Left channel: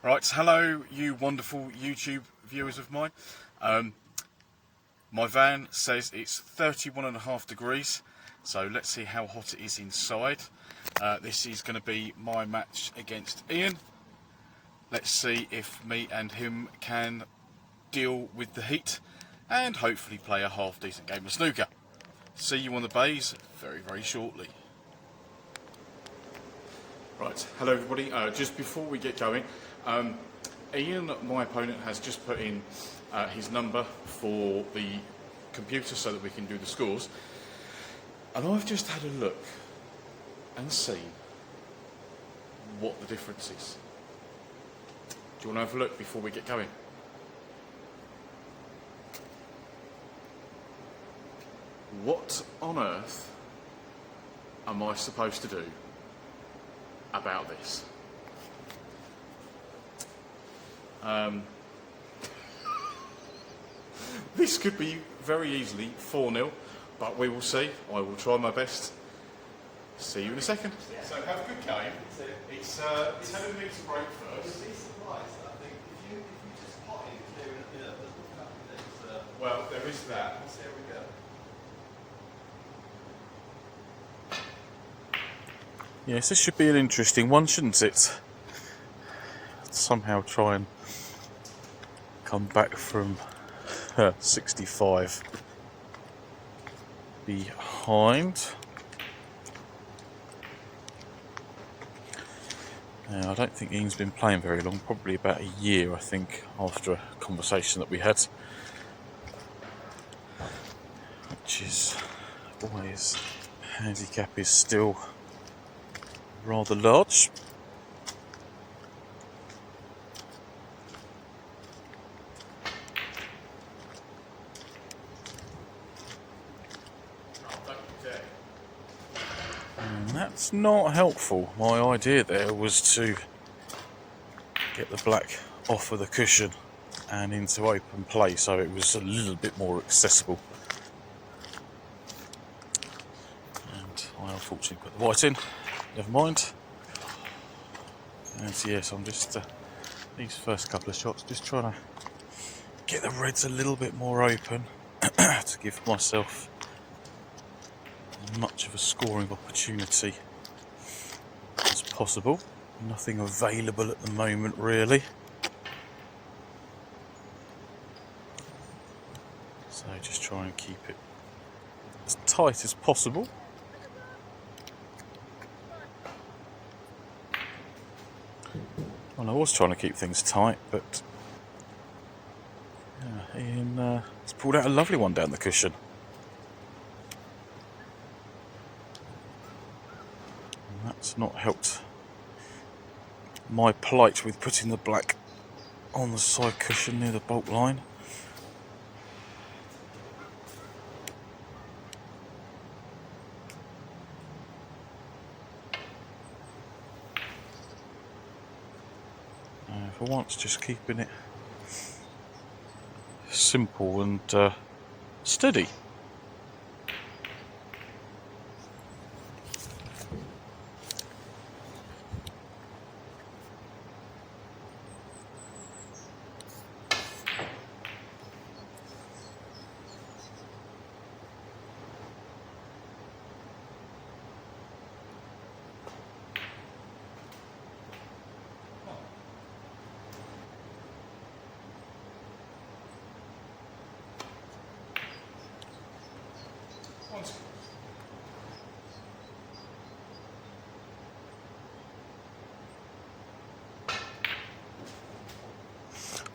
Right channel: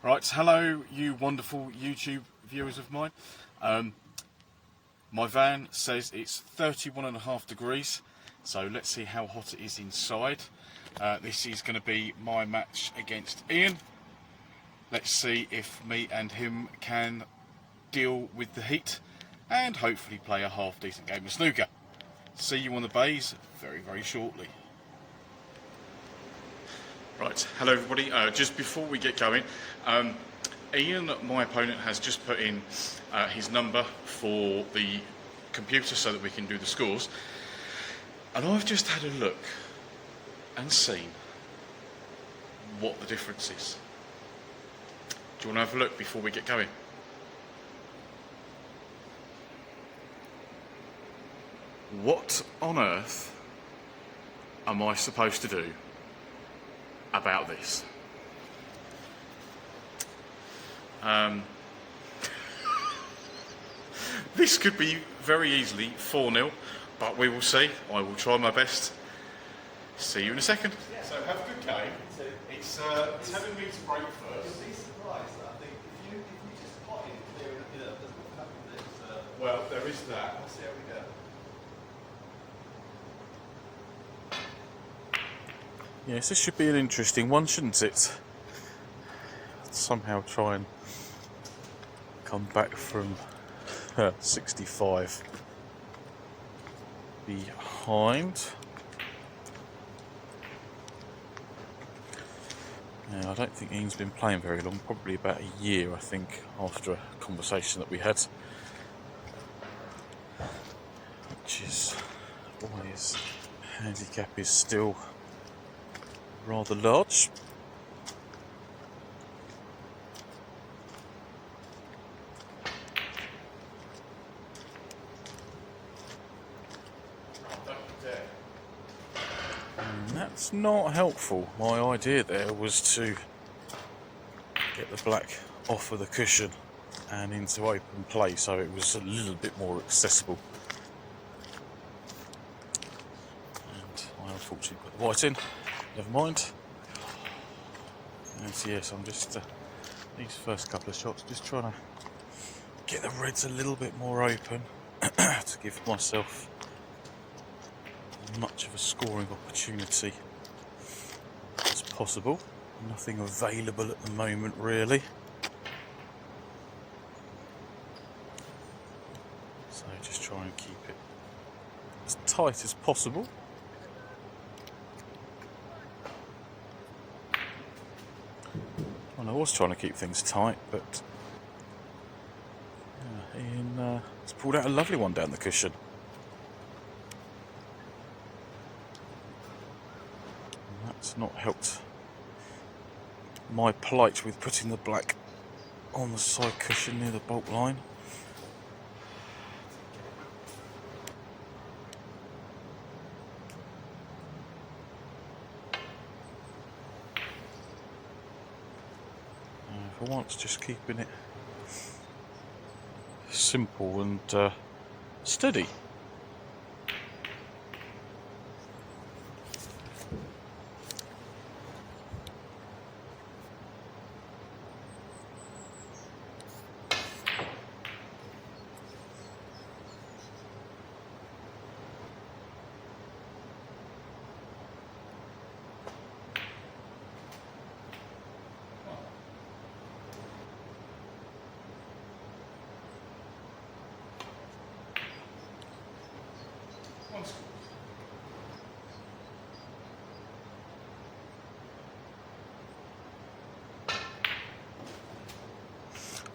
Right, hello you wonderful YouTube viewers of mine. My van says it's 31.5 degrees, so let's see how hot it is inside. This is going to be my match against Ian. Let's see if me and him can deal with the heat and hopefully play a half decent game of snooker. See you on the bays very shortly. Right, hello everybody. Just before we get going, Ian, my opponent, has just put in his number for the computer so that we can do the scores. And I've just had a look and seen what the difference is. Do you want to have a look before we get going? What on earth am I supposed to do about this? This could be very easily 4-0, but we will see. I will try my best. See you in a second. So have a good game. It's telling me to break first. Well, there is that. See how we go. Yes, this should be an interesting one, shouldn't it? Somehow try and come back from 65 behind. Now, I don't think Ian's been playing very long, probably about a year, I think, after a conversation that we had. Which is why his handicap is still rather large. And that's not helpful. My idea there was to get the black off of the cushion and into open play so it was a little bit more accessible. And I unfortunately got the white in. Never mind. And yes, I'm just these first couple of shots just trying to get the reds a little bit more open to give myself as much of a scoring opportunity as possible. Nothing available at the moment really. So just try and keep it as tight as possible. Well, I was trying to keep things tight, but Ian has pulled out a lovely one down the cushion. And that's not helped my plight with putting the black on the side cushion near the bolt line. For once, just keeping it simple and steady.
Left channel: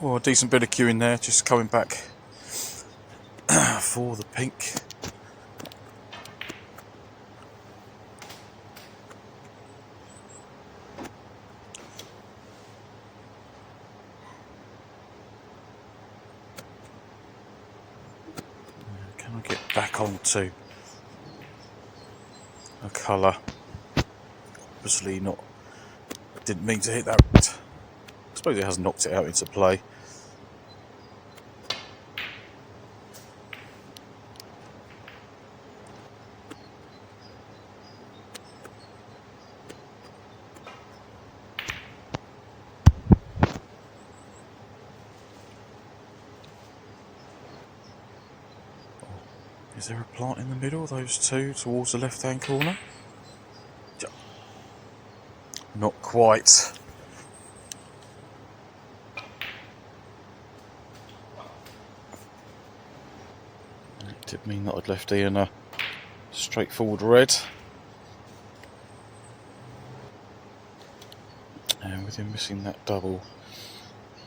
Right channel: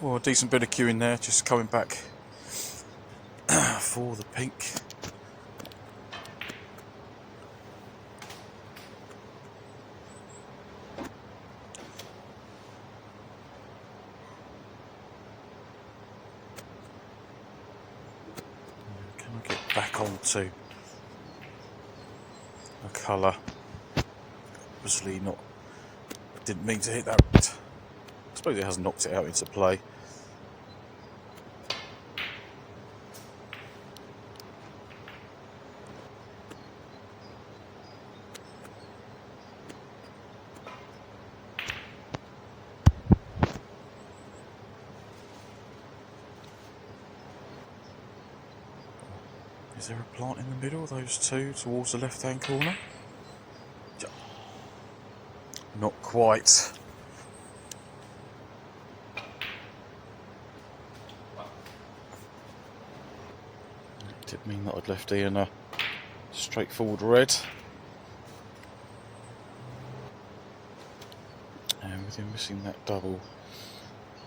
Well, a decent bit of queue in there, just coming back for the pink. Can I get back onto a colour? Obviously not, didn't mean to hit that. I suppose it has knocked it out into play. Is there a plant in the middle? Those two towards the left-hand corner? Not quite. It did mean that I'd left Ian a straightforward red. And with him missing that double,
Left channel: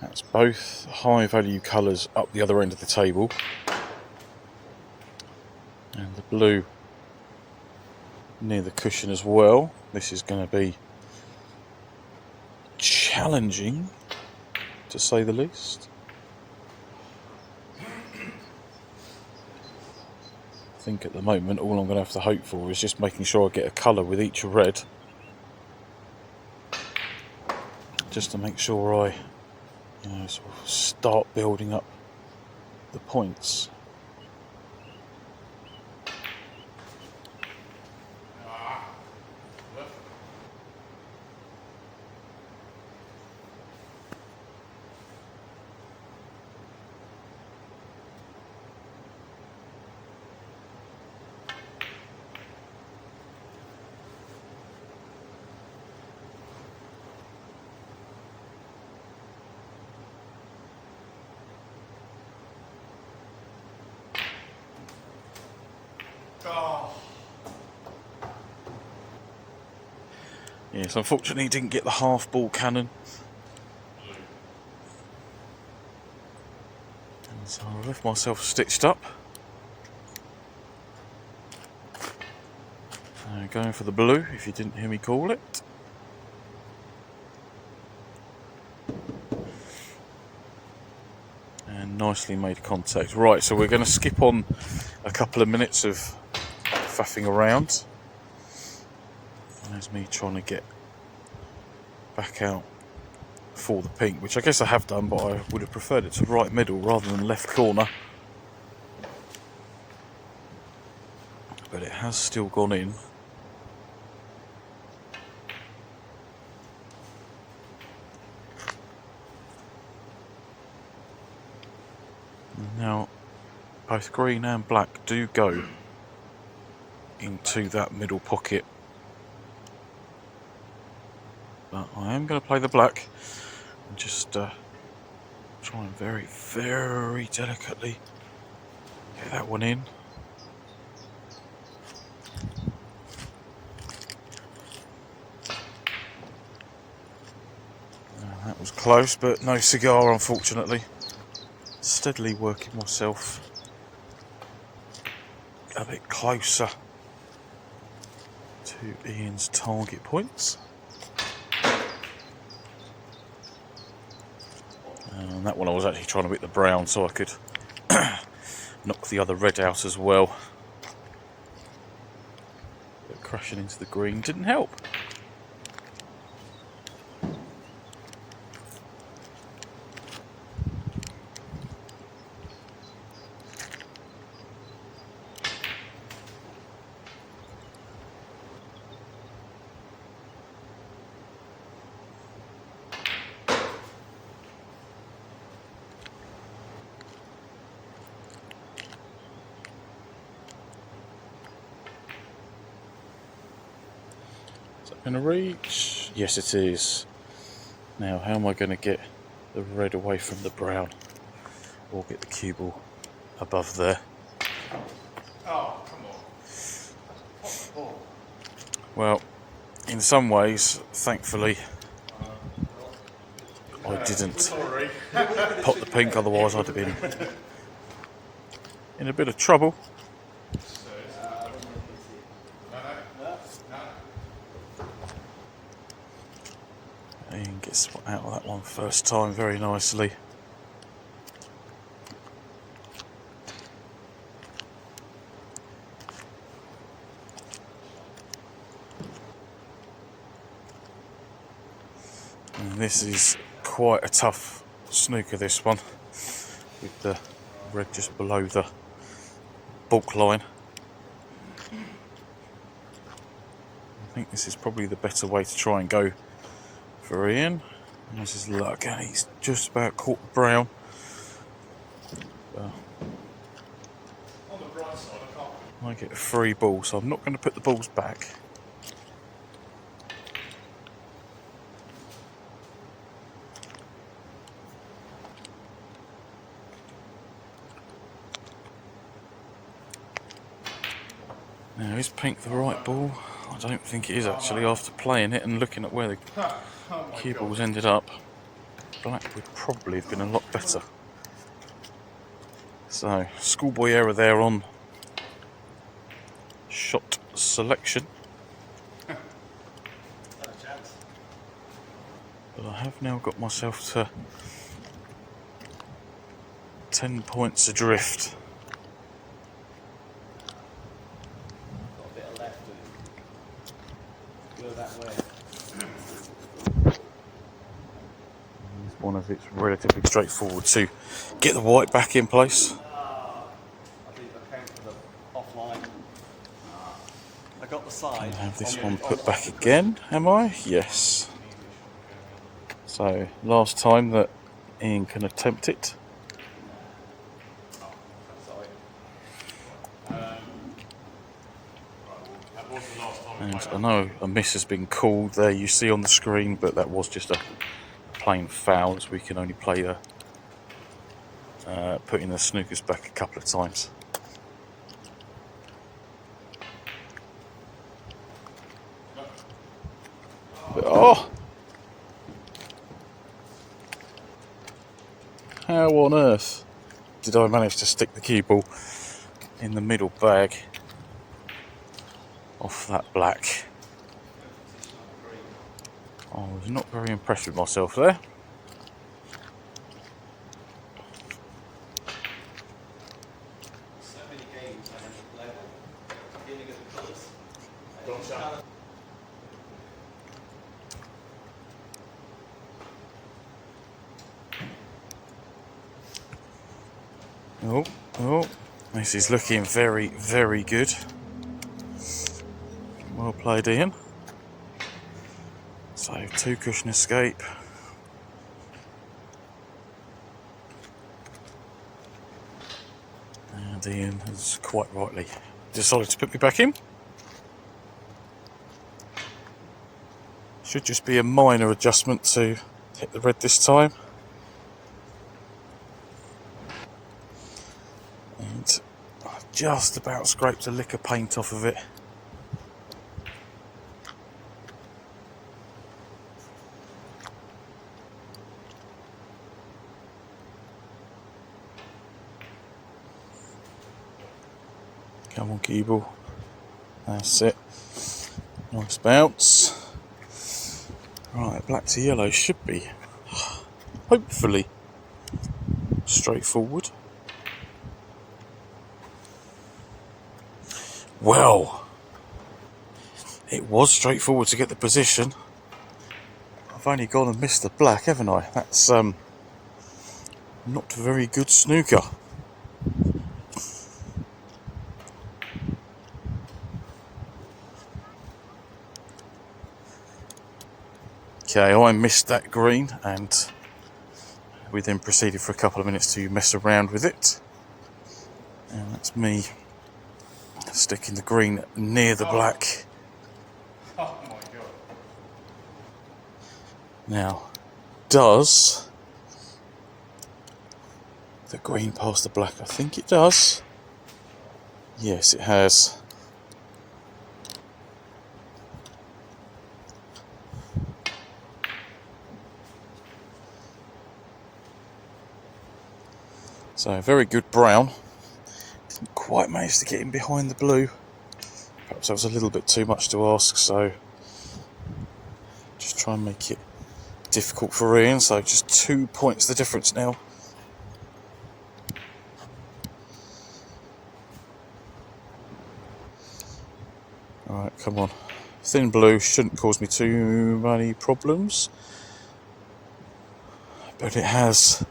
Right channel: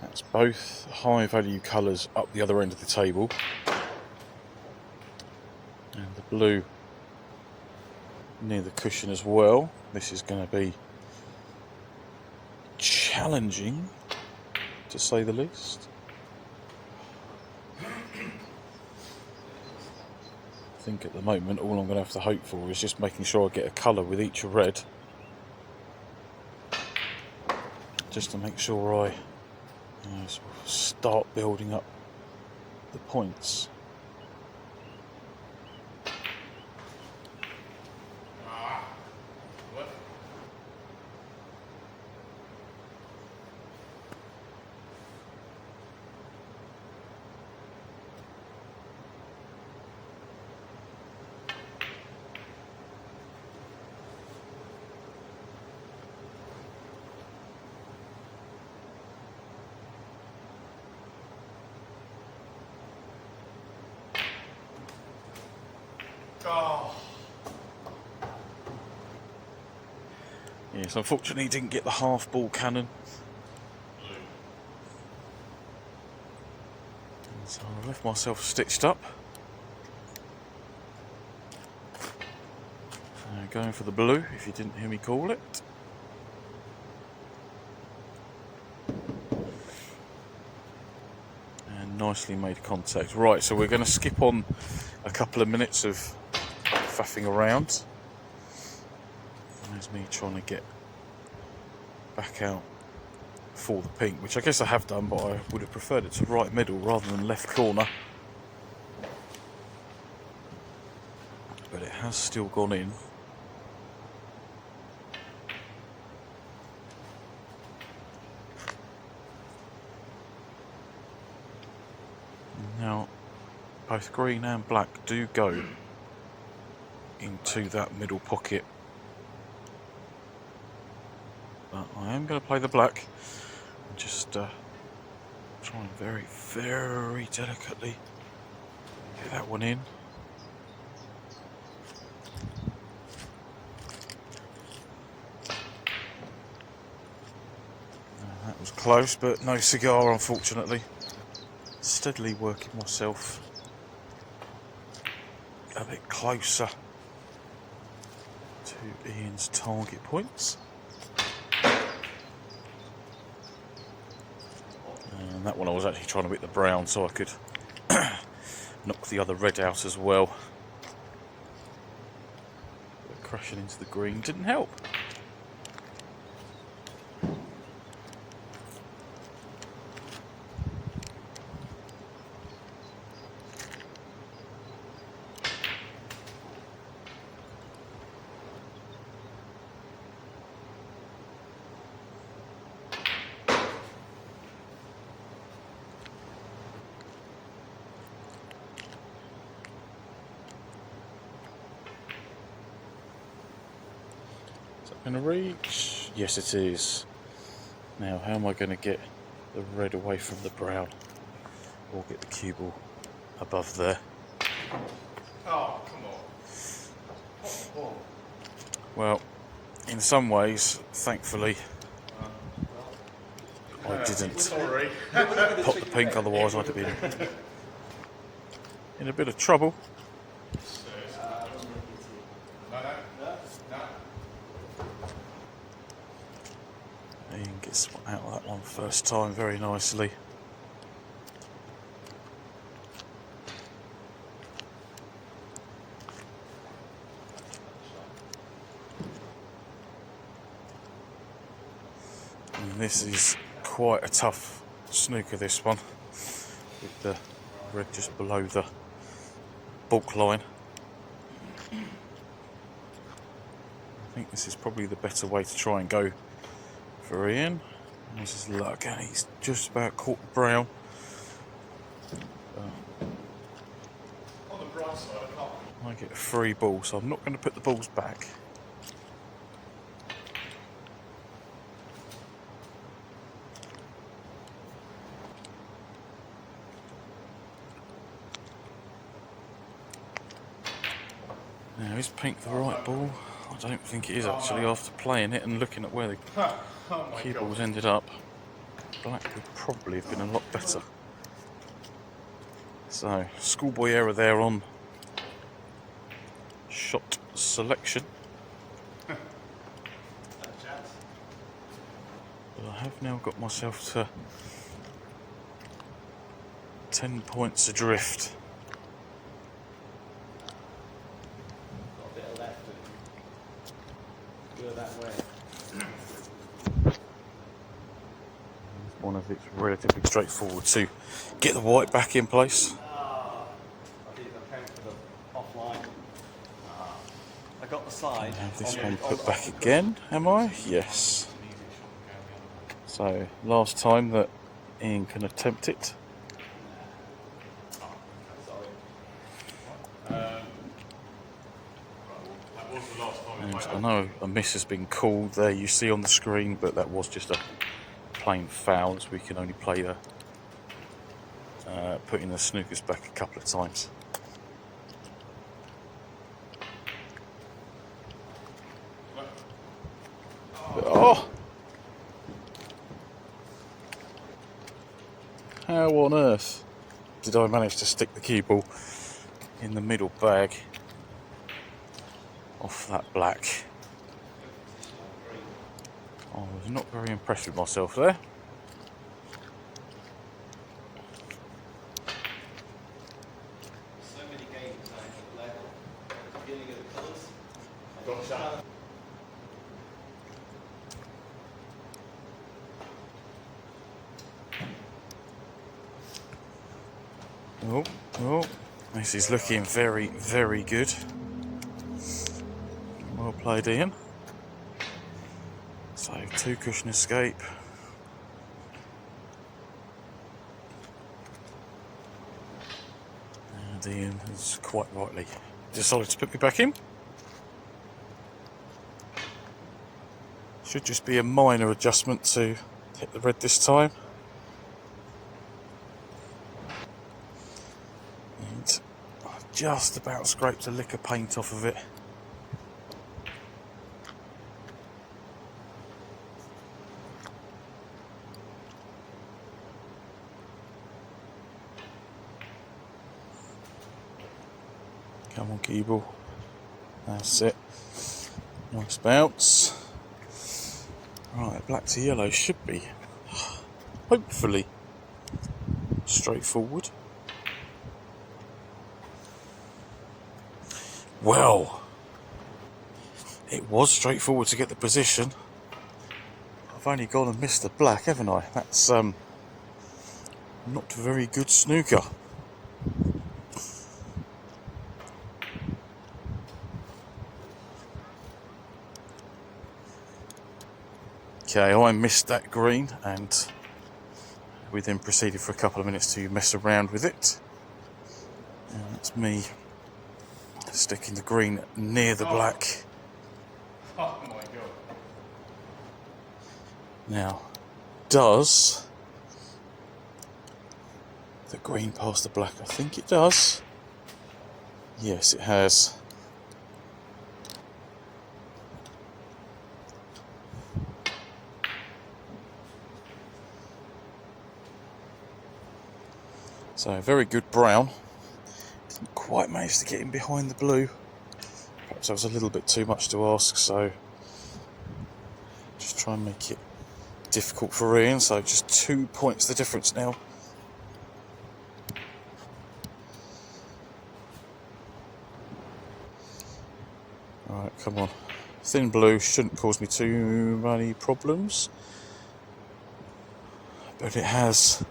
that's both high value colours up the other end of the table. And the blue near the cushion as well. This is going to be challenging, to say the least. I think at the moment all I'm going to have to hope for is just making sure I get a colour with each red, just to make sure I sort of start building up the points. Oh. Yes, unfortunately he didn't get the half ball cannon. And so I've left myself stitched up. So going for the blue, if you didn't hear me call it. And nicely made contact. Right, so we're going to skip on a couple of minutes of faffing around. There's me trying to get back out for the pink, which I guess I have done, but I would have preferred it to right middle rather than left corner. But it has still gone in. Now, both green and black do go into that middle pocket. But I am going to play the black and just try and very, very delicately get that one in. That was close, but no cigar, unfortunately. Steadily working myself a bit closer to Ian's target points. And that one I was actually trying to hit the brown so I could knock the other red out as well. But crashing into the green didn't help. Gonna reach? Yes, it is. Now, how am I going to get the red away from the brown, or get the cue ball above there? Oh, come on. Well, in some ways, thankfully, I didn't Sorry. pop the pink. Otherwise, I'd have been in a bit of trouble. Ian gets out of that one first time very nicely. And this is quite a tough snooker, this one, with the red just below the bulk line. I think this is probably the better way to try and go for Ian. And this is luck, and he's just about caught brown. On the bright side, I can't I get a free ball, so I'm not going to put the balls back. Now, is pink the right ball? I don't think it is actually, after playing it and looking at where the cue balls ended up. Black would probably have been a lot better. So, schoolboy error there on shot selection. But I have now got myself to 10 points adrift. Got a bit of left and go that way. One of it's relatively straightforward to get the white back in place. I think I came for the offline. I got the side. Have this on one the- put on back the again, am I? Yes. So, last time that Ian can attempt it. Sorry. And I know a miss has been called there, you see on the screen, but that was just a plain foul, as we can only play putting the snookers back a couple of times. But, oh! How on earth did I manage to stick the cue ball in the middle bag off that black? I was not very impressed with myself there. So many games I have to play at the beginning of the course. Oh, oh, this is looking very, very good. Well played, Ian. So, 2 cushion escape. And Ian has quite rightly decided to put me back in. Should just be a minor adjustment to hit the red this time. And I just about scraped a lick of paint off of it. Come on, Keeble. That's it. Nice bounce. Right, black to yellow should be, hopefully, straightforward. Well, it was straightforward to get the position. I've only gone and missed the black, haven't I? That's not very good snooker. Okay, I missed that green, and we then proceeded for a couple of minutes to mess around with it. And that's me sticking the green near the black. Oh my god. Now, does the green pass the black? I think it does. Yes, it has. So, very good brown. Didn't quite manage to get in behind the blue. Perhaps that was a little bit too much to ask, so just try and make it difficult for Ian. So, just 2 points the difference now. Alright, come on. Thin blue shouldn't cause me too many problems. But it has.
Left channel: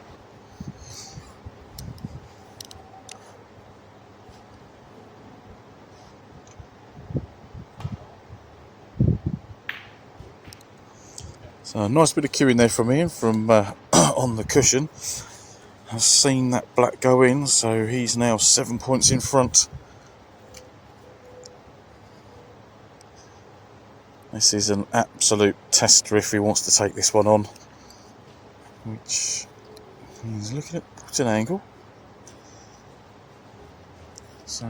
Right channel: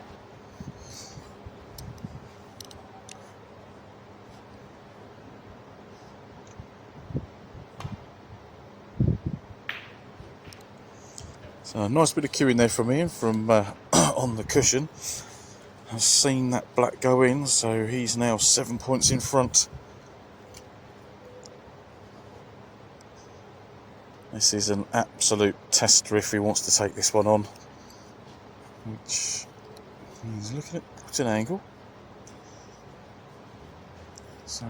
So a nice bit of cueing there from Ian from on the cushion. I've seen that black go in, so he's now 7 points in front. This is an absolute tester if he wants to take this one on, which he's looking at putting angle. So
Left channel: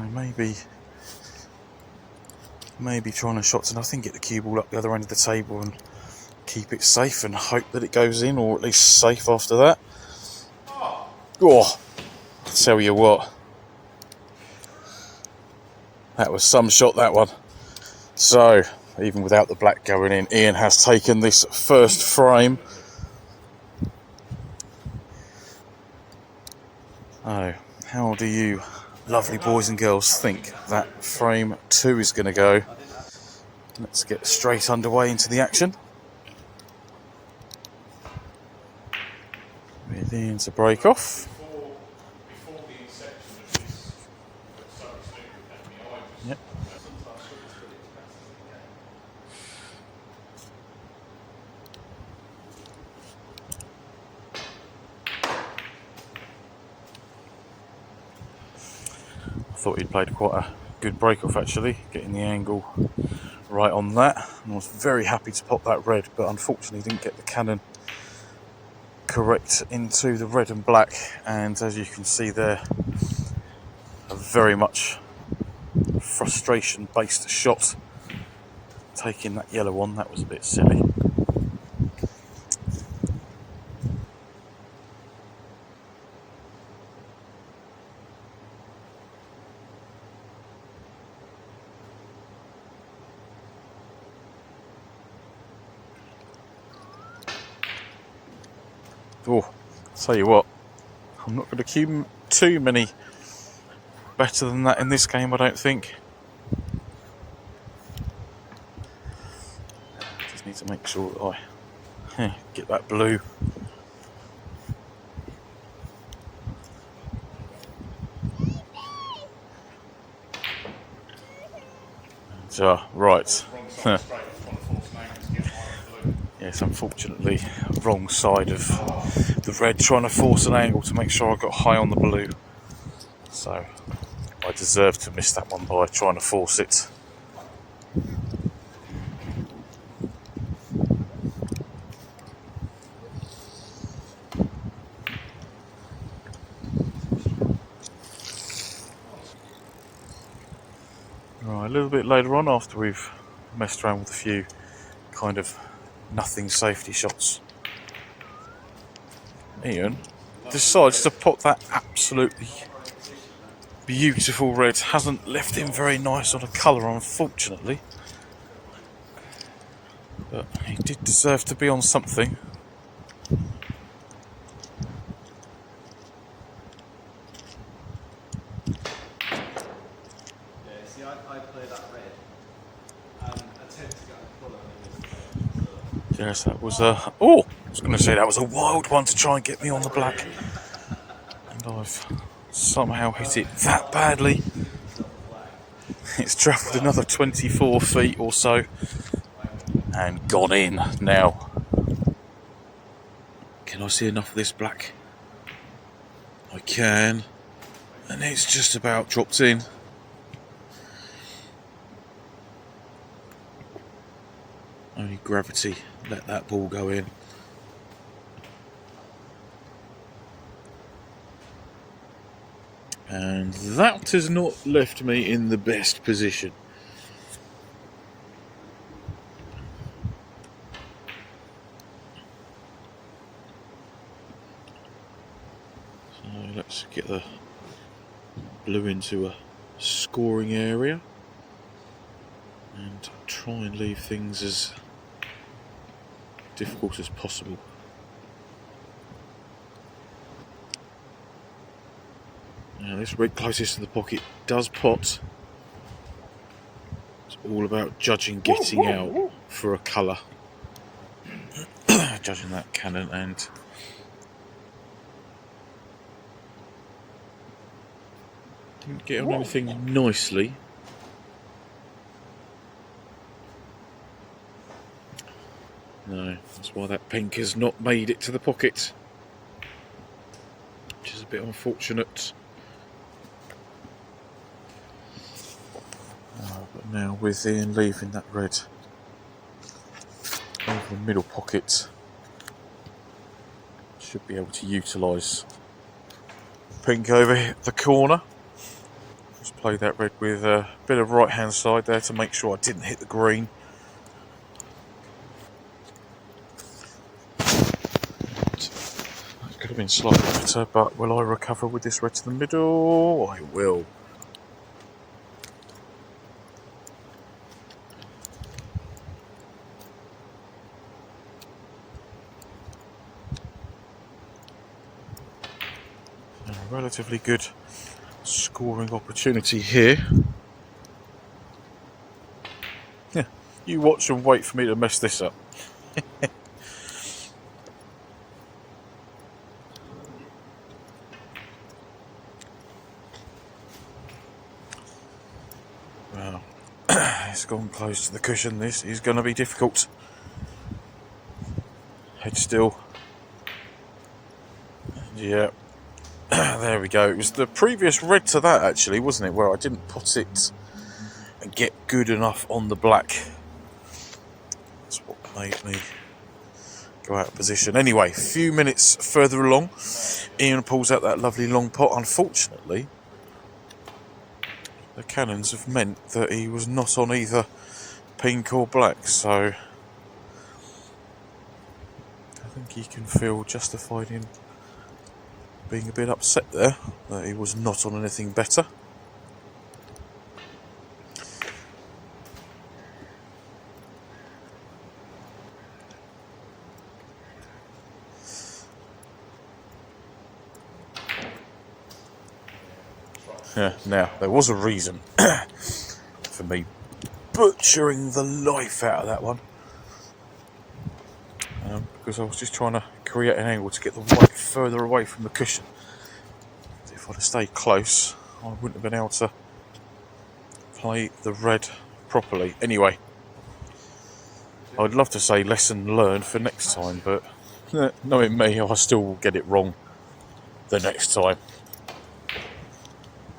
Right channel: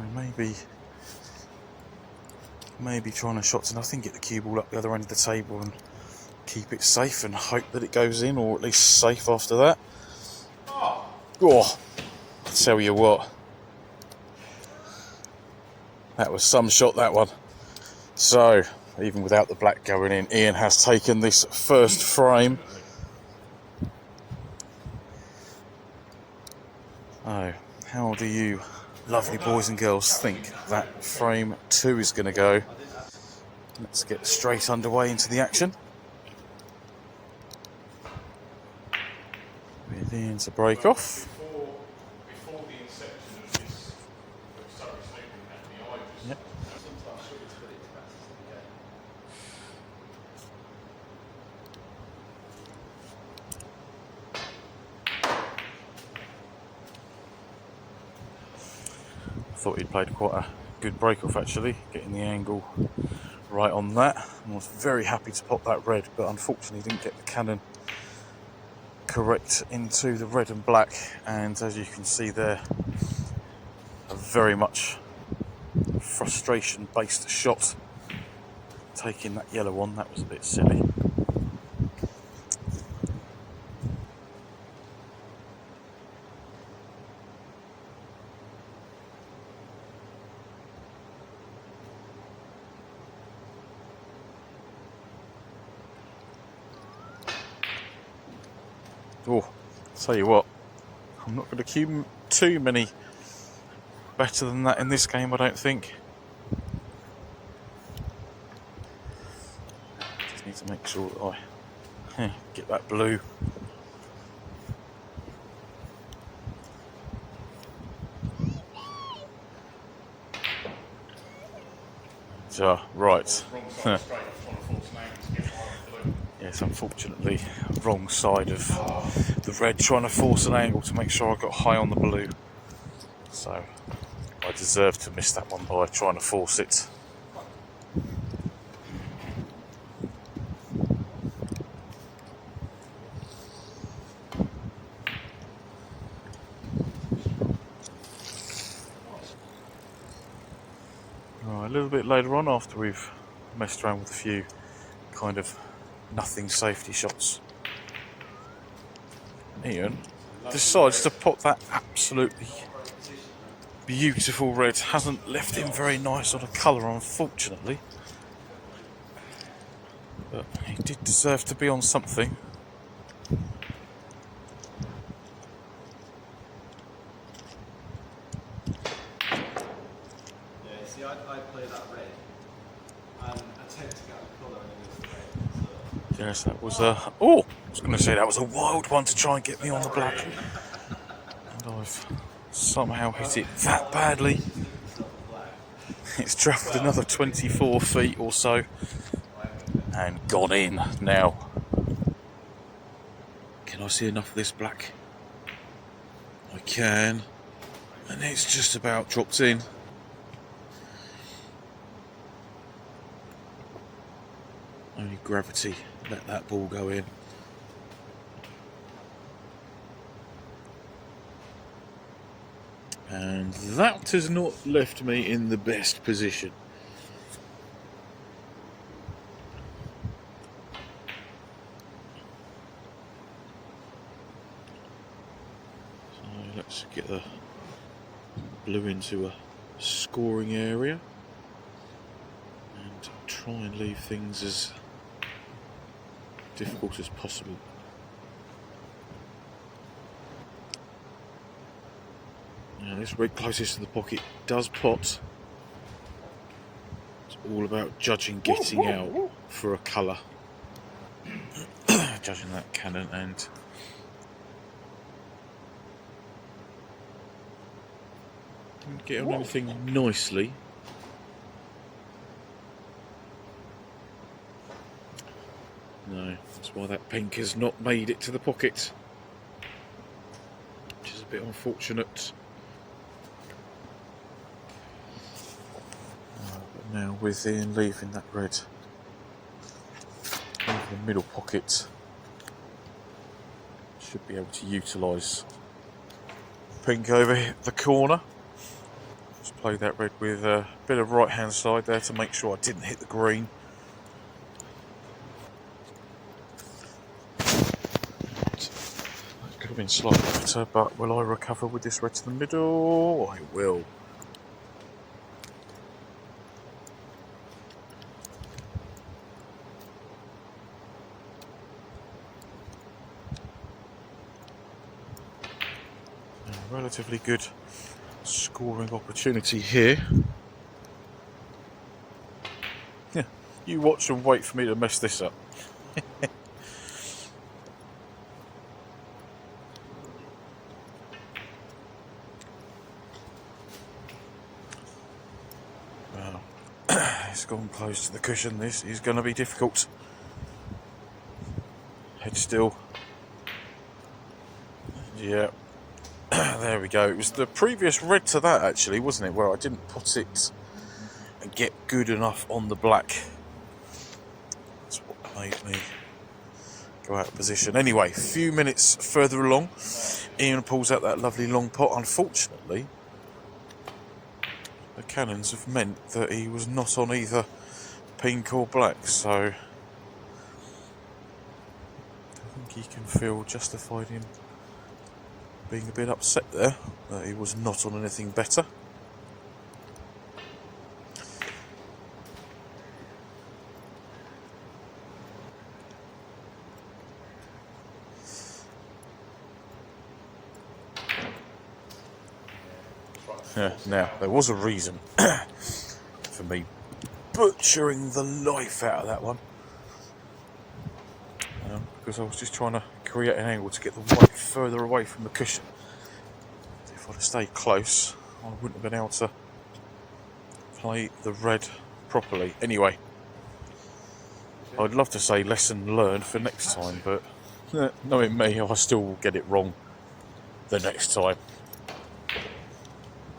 maybe trying a shot to nothing, get the cue ball up the other end of the table and keep it safe and hope that it goes in, or at least safe after that. Oh, I'll tell you what, that was some shot, that one. So, even without the black going in, Ian has taken this first frame. Oh, how do you lovely boys and girls think that frame 2 is going to go? Let's get straight underway into the action. With Ian to break off. Before the inception of this Surrey Snooker Academy, I just Sometimes sugar's pretty expensive in the game. I thought he'd played quite a good break-off actually, getting the angle right on that. I was very happy to pop that red, but unfortunately didn't get the cannon correct into the red and black, and as you can see there, a very much frustration-based shot. Taking that yellow one, that was a bit silly. Oh, I'll tell you what, I'm not going to cue too many better than that in this game, I don't think. Just need to make sure that I get that blue. Right. wrong side straight, trying to force an angle to get high on blue. Yes, unfortunately, wrong side of the red, trying to force an angle to make sure I got high on the blue. So, I deserved to miss that one by trying to force it. Right, a little bit later on, after we've messed around with a few kind of nothing safety shots, Ian decides to pop that absolutely beautiful red. Hasn't left him very nice on a colour, unfortunately, but he did deserve to be on something. Yeah, you see, I play that red and attempt to get the colour and it was Yes, that was a... Oh! I was going to say that was a wild one to try and get me on the black. And I've somehow hit it that badly. It's travelled another 24 feet or so and gone in now. Can I see enough of this black? I can. And it's just about dropped in. Only gravity let that ball go in. And that has not left me in the best position. So let's get the blue into a scoring area and try and leave things as difficult as possible. Now this red closest to the pocket does pot. It's all about judging getting out for a colour. Judging that cannon and didn't get on anything nicely. No, that's why that pink has not made it to the pocket, which is a bit unfortunate. But now with Ian leaving that red over the middle pocket. Should be able to utilise pink over the corner. Just play that red with a bit of right hand side there to make sure I didn't hit the green. That could have been slightly better, but will I recover with this red to the middle? I will. Relatively good scoring opportunity here. Yeah, you watch and wait for me to mess this up. Well, it's gone close to the cushion. This is going to be difficult. Head still. Yeah. There we go. It was the previous red to that, actually, wasn't it? Where I didn't put it and get good enough on the black. That's what made me go out of position. Anyway, a few minutes further along, Ian pulls out that lovely long pot. Unfortunately, the cannons have meant that he was not on either pink or black, so I think he can feel justified in being a bit upset there that he was not on anything better. Yeah, now, there was a reason for me butchering the life out of that one. Because I was just trying to create an angle to get the white further away from the cushion. If I'd have stayed close, I wouldn't have been able to play the red properly. Anyway, I'd love to say lesson learned for next time, but knowing me, I'll still get it wrong the next time.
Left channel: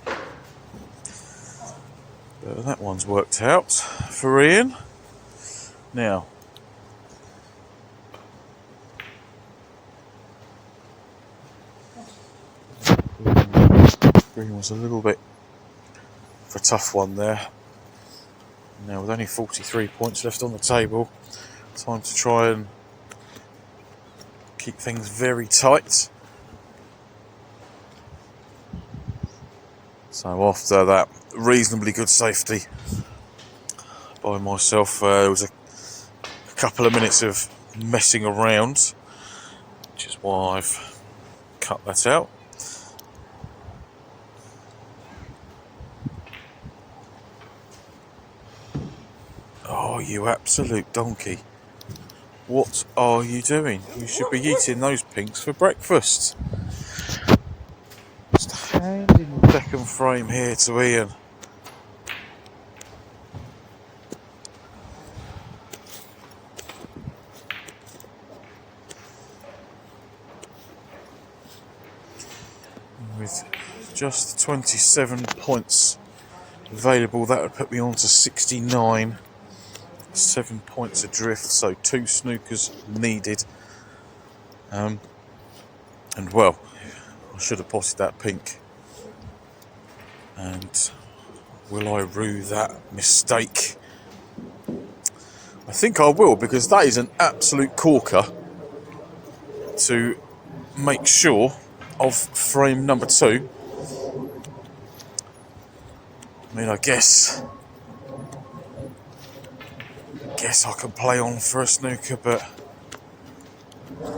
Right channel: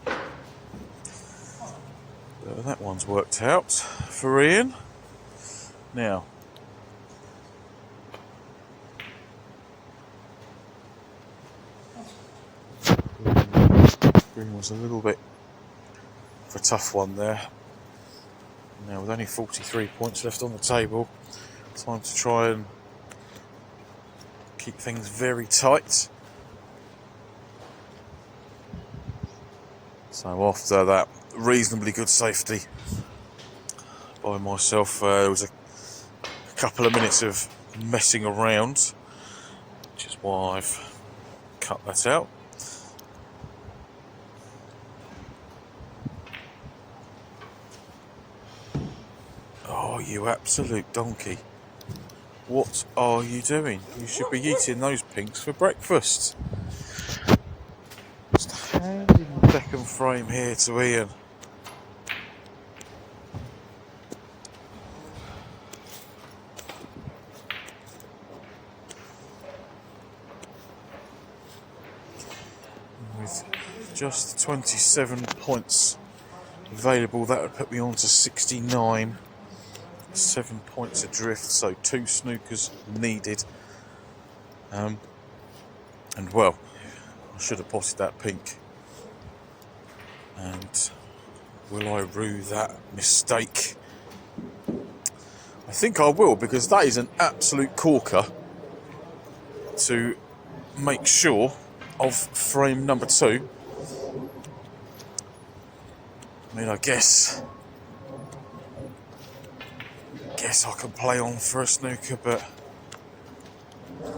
But that one's worked out for Ian. Now, green was a little bit of a tough one there. Now with only 43 points left on the table, time to try and keep things very tight. So after that reasonably good safety by myself, there was a couple of minutes of messing around, which is why I've cut that out. Oh, you absolute donkey. What are you doing? You should be eating those pinks for breakfast. Just handing the second frame here to Ian. With just 27 points available, that would put me on to 69. 7 points adrift, so 2 snookers needed. And well, I should have potted that pink. And will I rue that mistake? I think I will, because that is an absolute corker to make sure of frame number 2. I mean, I guess I can play on for a snooker, but I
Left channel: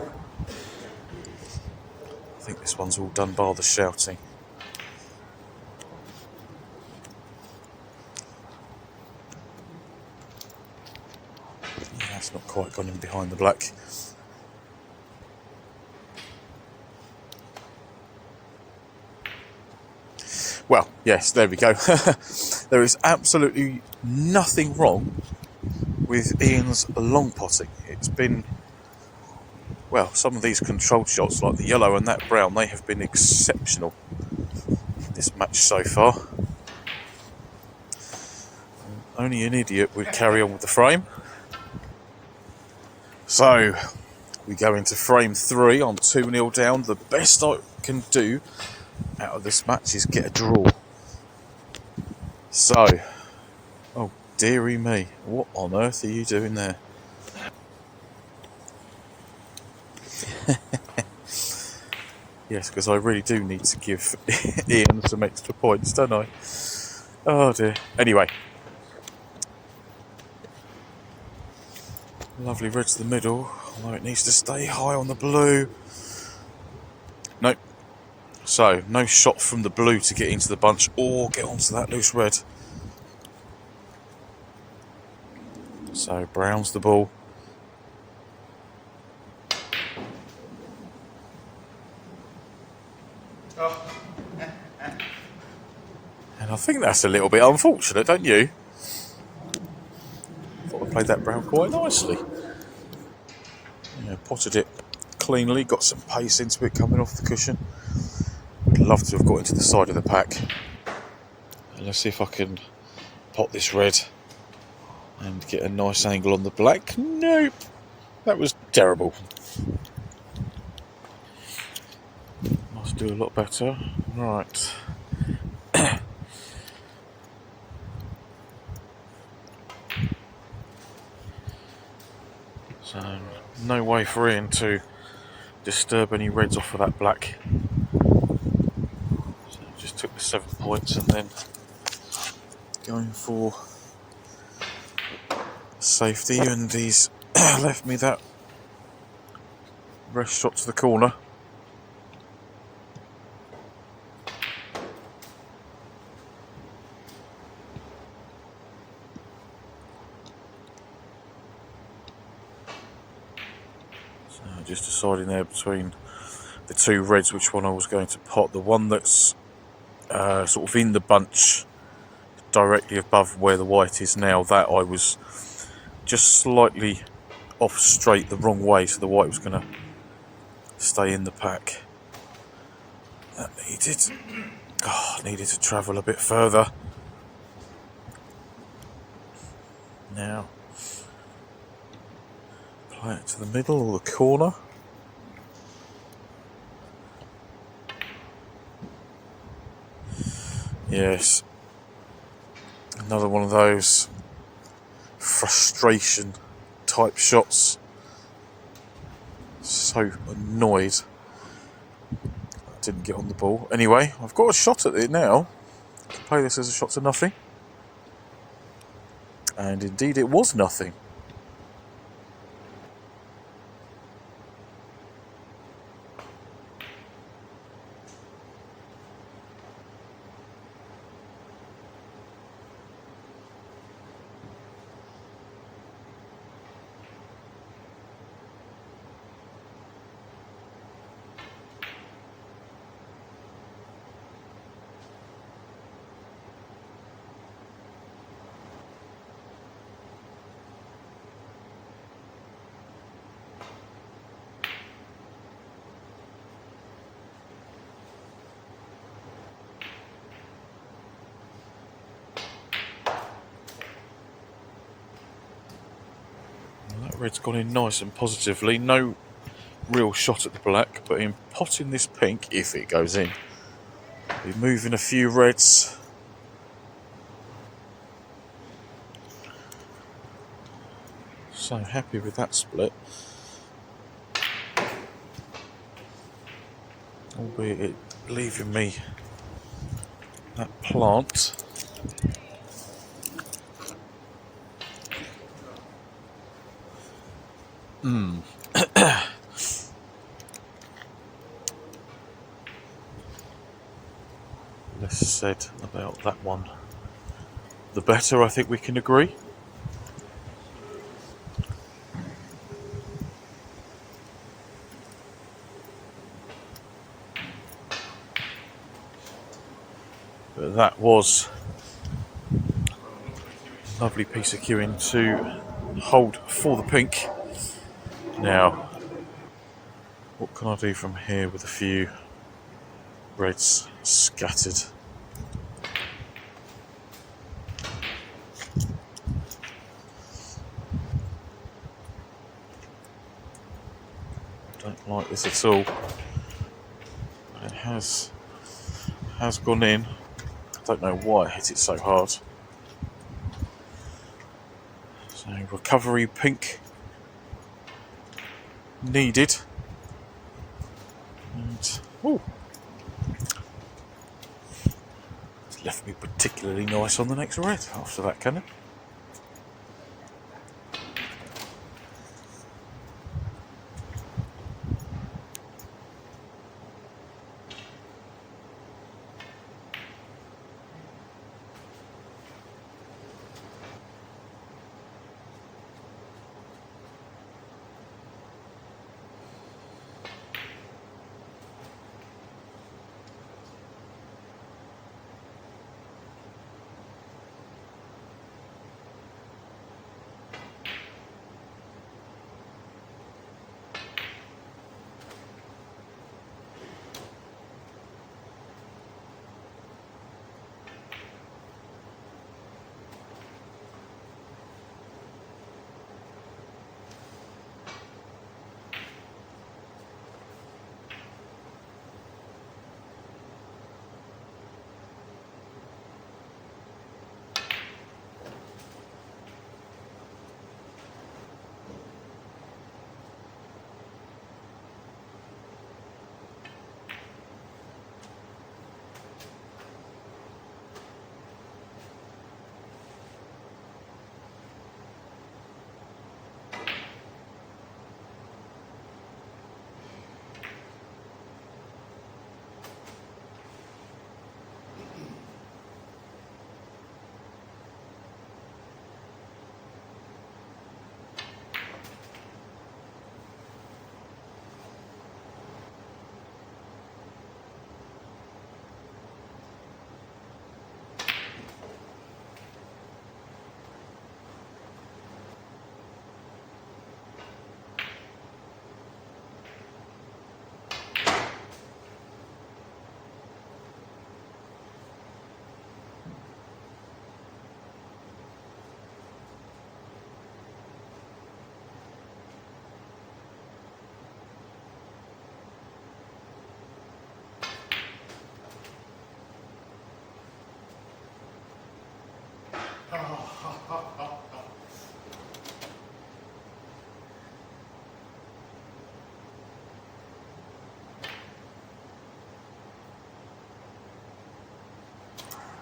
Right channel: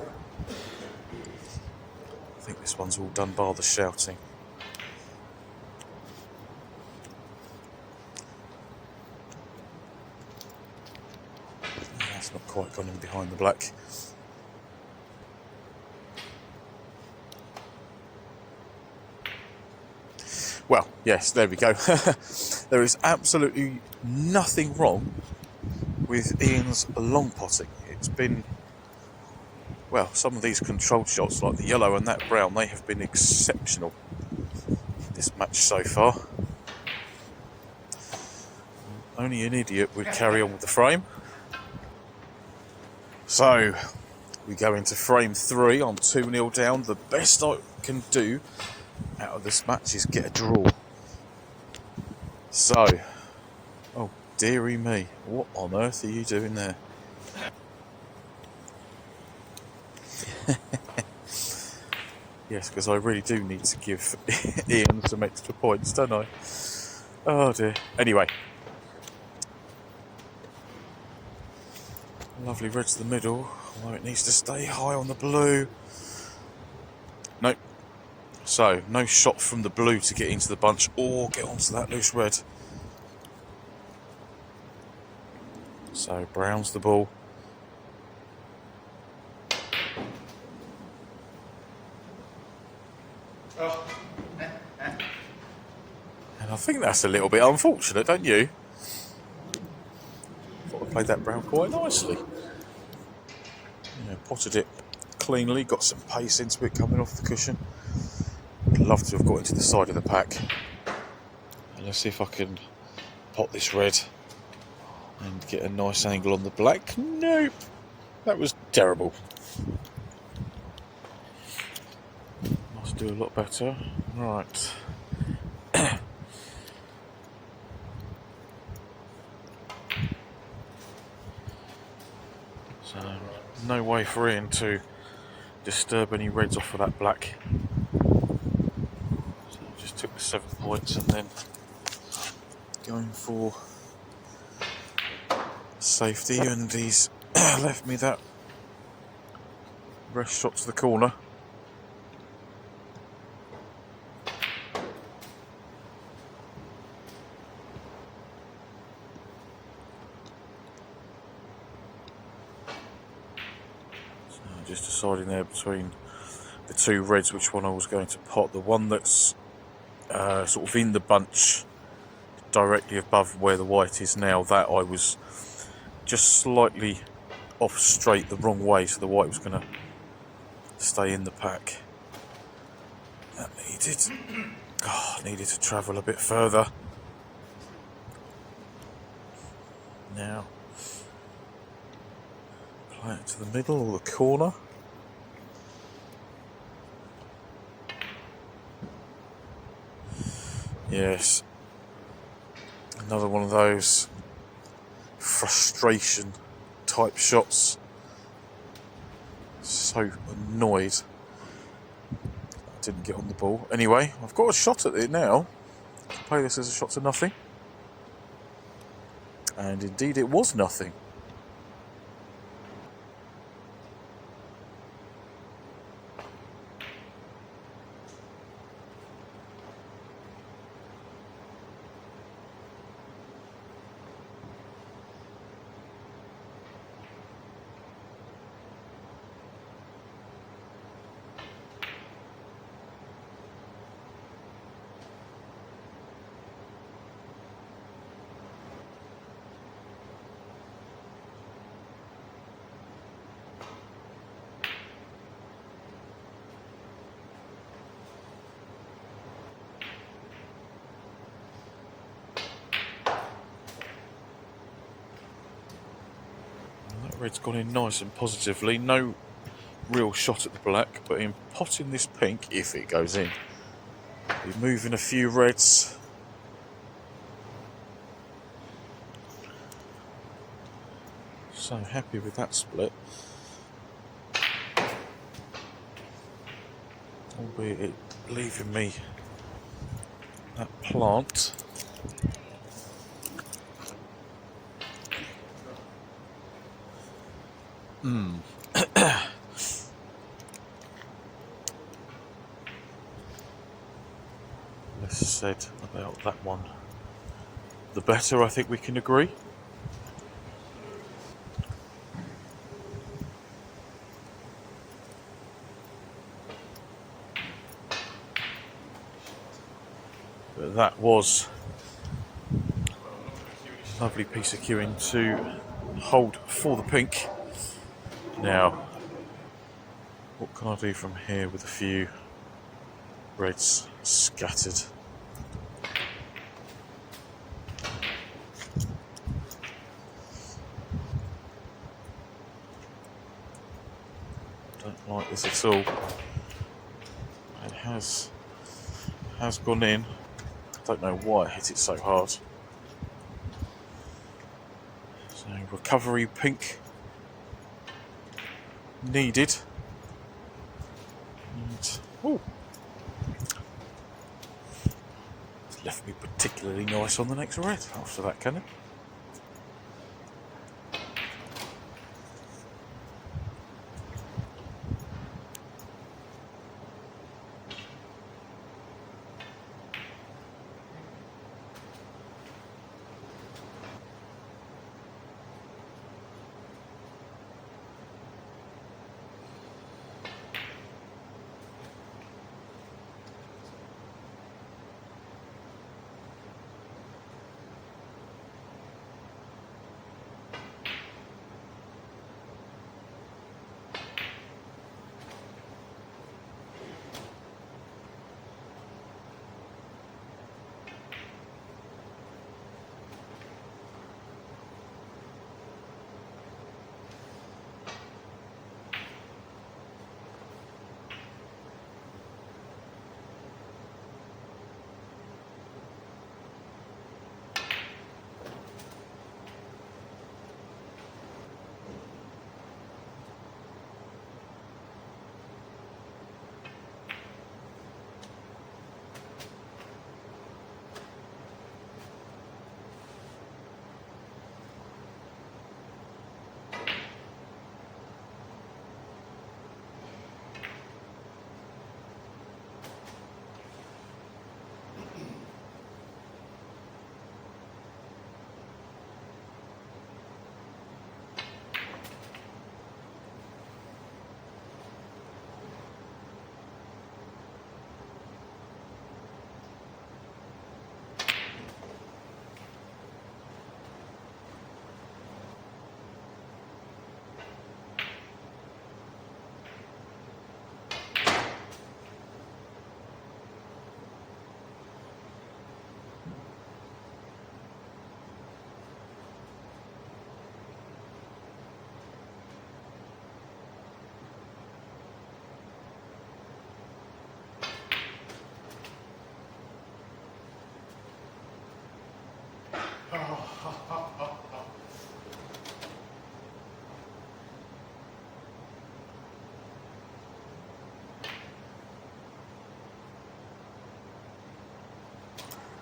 think this one's all done by the shouting. That's not quite gone in behind the black. Well, yes, there we go. There is absolutely nothing wrong with Ian's long potting. It's been, well, some of these controlled shots, like the yellow and that brown, they have been exceptional this match so far. Only an idiot would carry on with the frame. So we go into frame 3. I'm 2-0 down. The best I can do out of this match is get a draw. So, oh dearie me, what on earth are you doing there? Yes, because I really do need to give Ian some extra points, don't I? Oh dear. Anyway. Lovely red to the middle, although it needs to stay high on the blue. Nope. So, no shot from the blue to get into the bunch or get onto that loose red. So, brown's the ball. Oh. And I think that's a little bit unfortunate, don't you? Thought I played that brown quite nicely. Yeah, potted it cleanly, got some pace into it coming off the cushion. Would love to have got into the side of the pack. Let's see if I can pot this red and get a nice angle on the black. Nope, that was terrible. Must do a lot better. Right. So, no way for Ian to disturb any reds off of that black. So I just took the 7 points and then going for safety, and he's left me that rest shot to the corner. So just deciding there between the 2 reds which one I was going to pot. The one that's sort of in the bunch directly above where the white is now, that I was just slightly off straight the wrong way, so the white was going to stay in the pack. That needed to travel a bit further. Now play it to the middle or the corner. Yes, another one of those frustration type shots. So annoyed I didn't get on the ball. Anyway, I've got a shot at it now. I can play this as a shot to nothing. And indeed it was nothing. Red's gone in nice and positively. No real shot at the black, but in potting this pink, if it goes in, we're moving a few reds. So happy with that split. Albeit it leaving me that plant. Less said about that one, the better, I think we can agree. But that was a lovely piece of cueing to hold for the pink. Now, what can I do from here with a few reds scattered? this at all. It has gone in. I don't know why I hit it so hard. So recovery pink needed. And it's left me particularly nice on the next red after that cannon.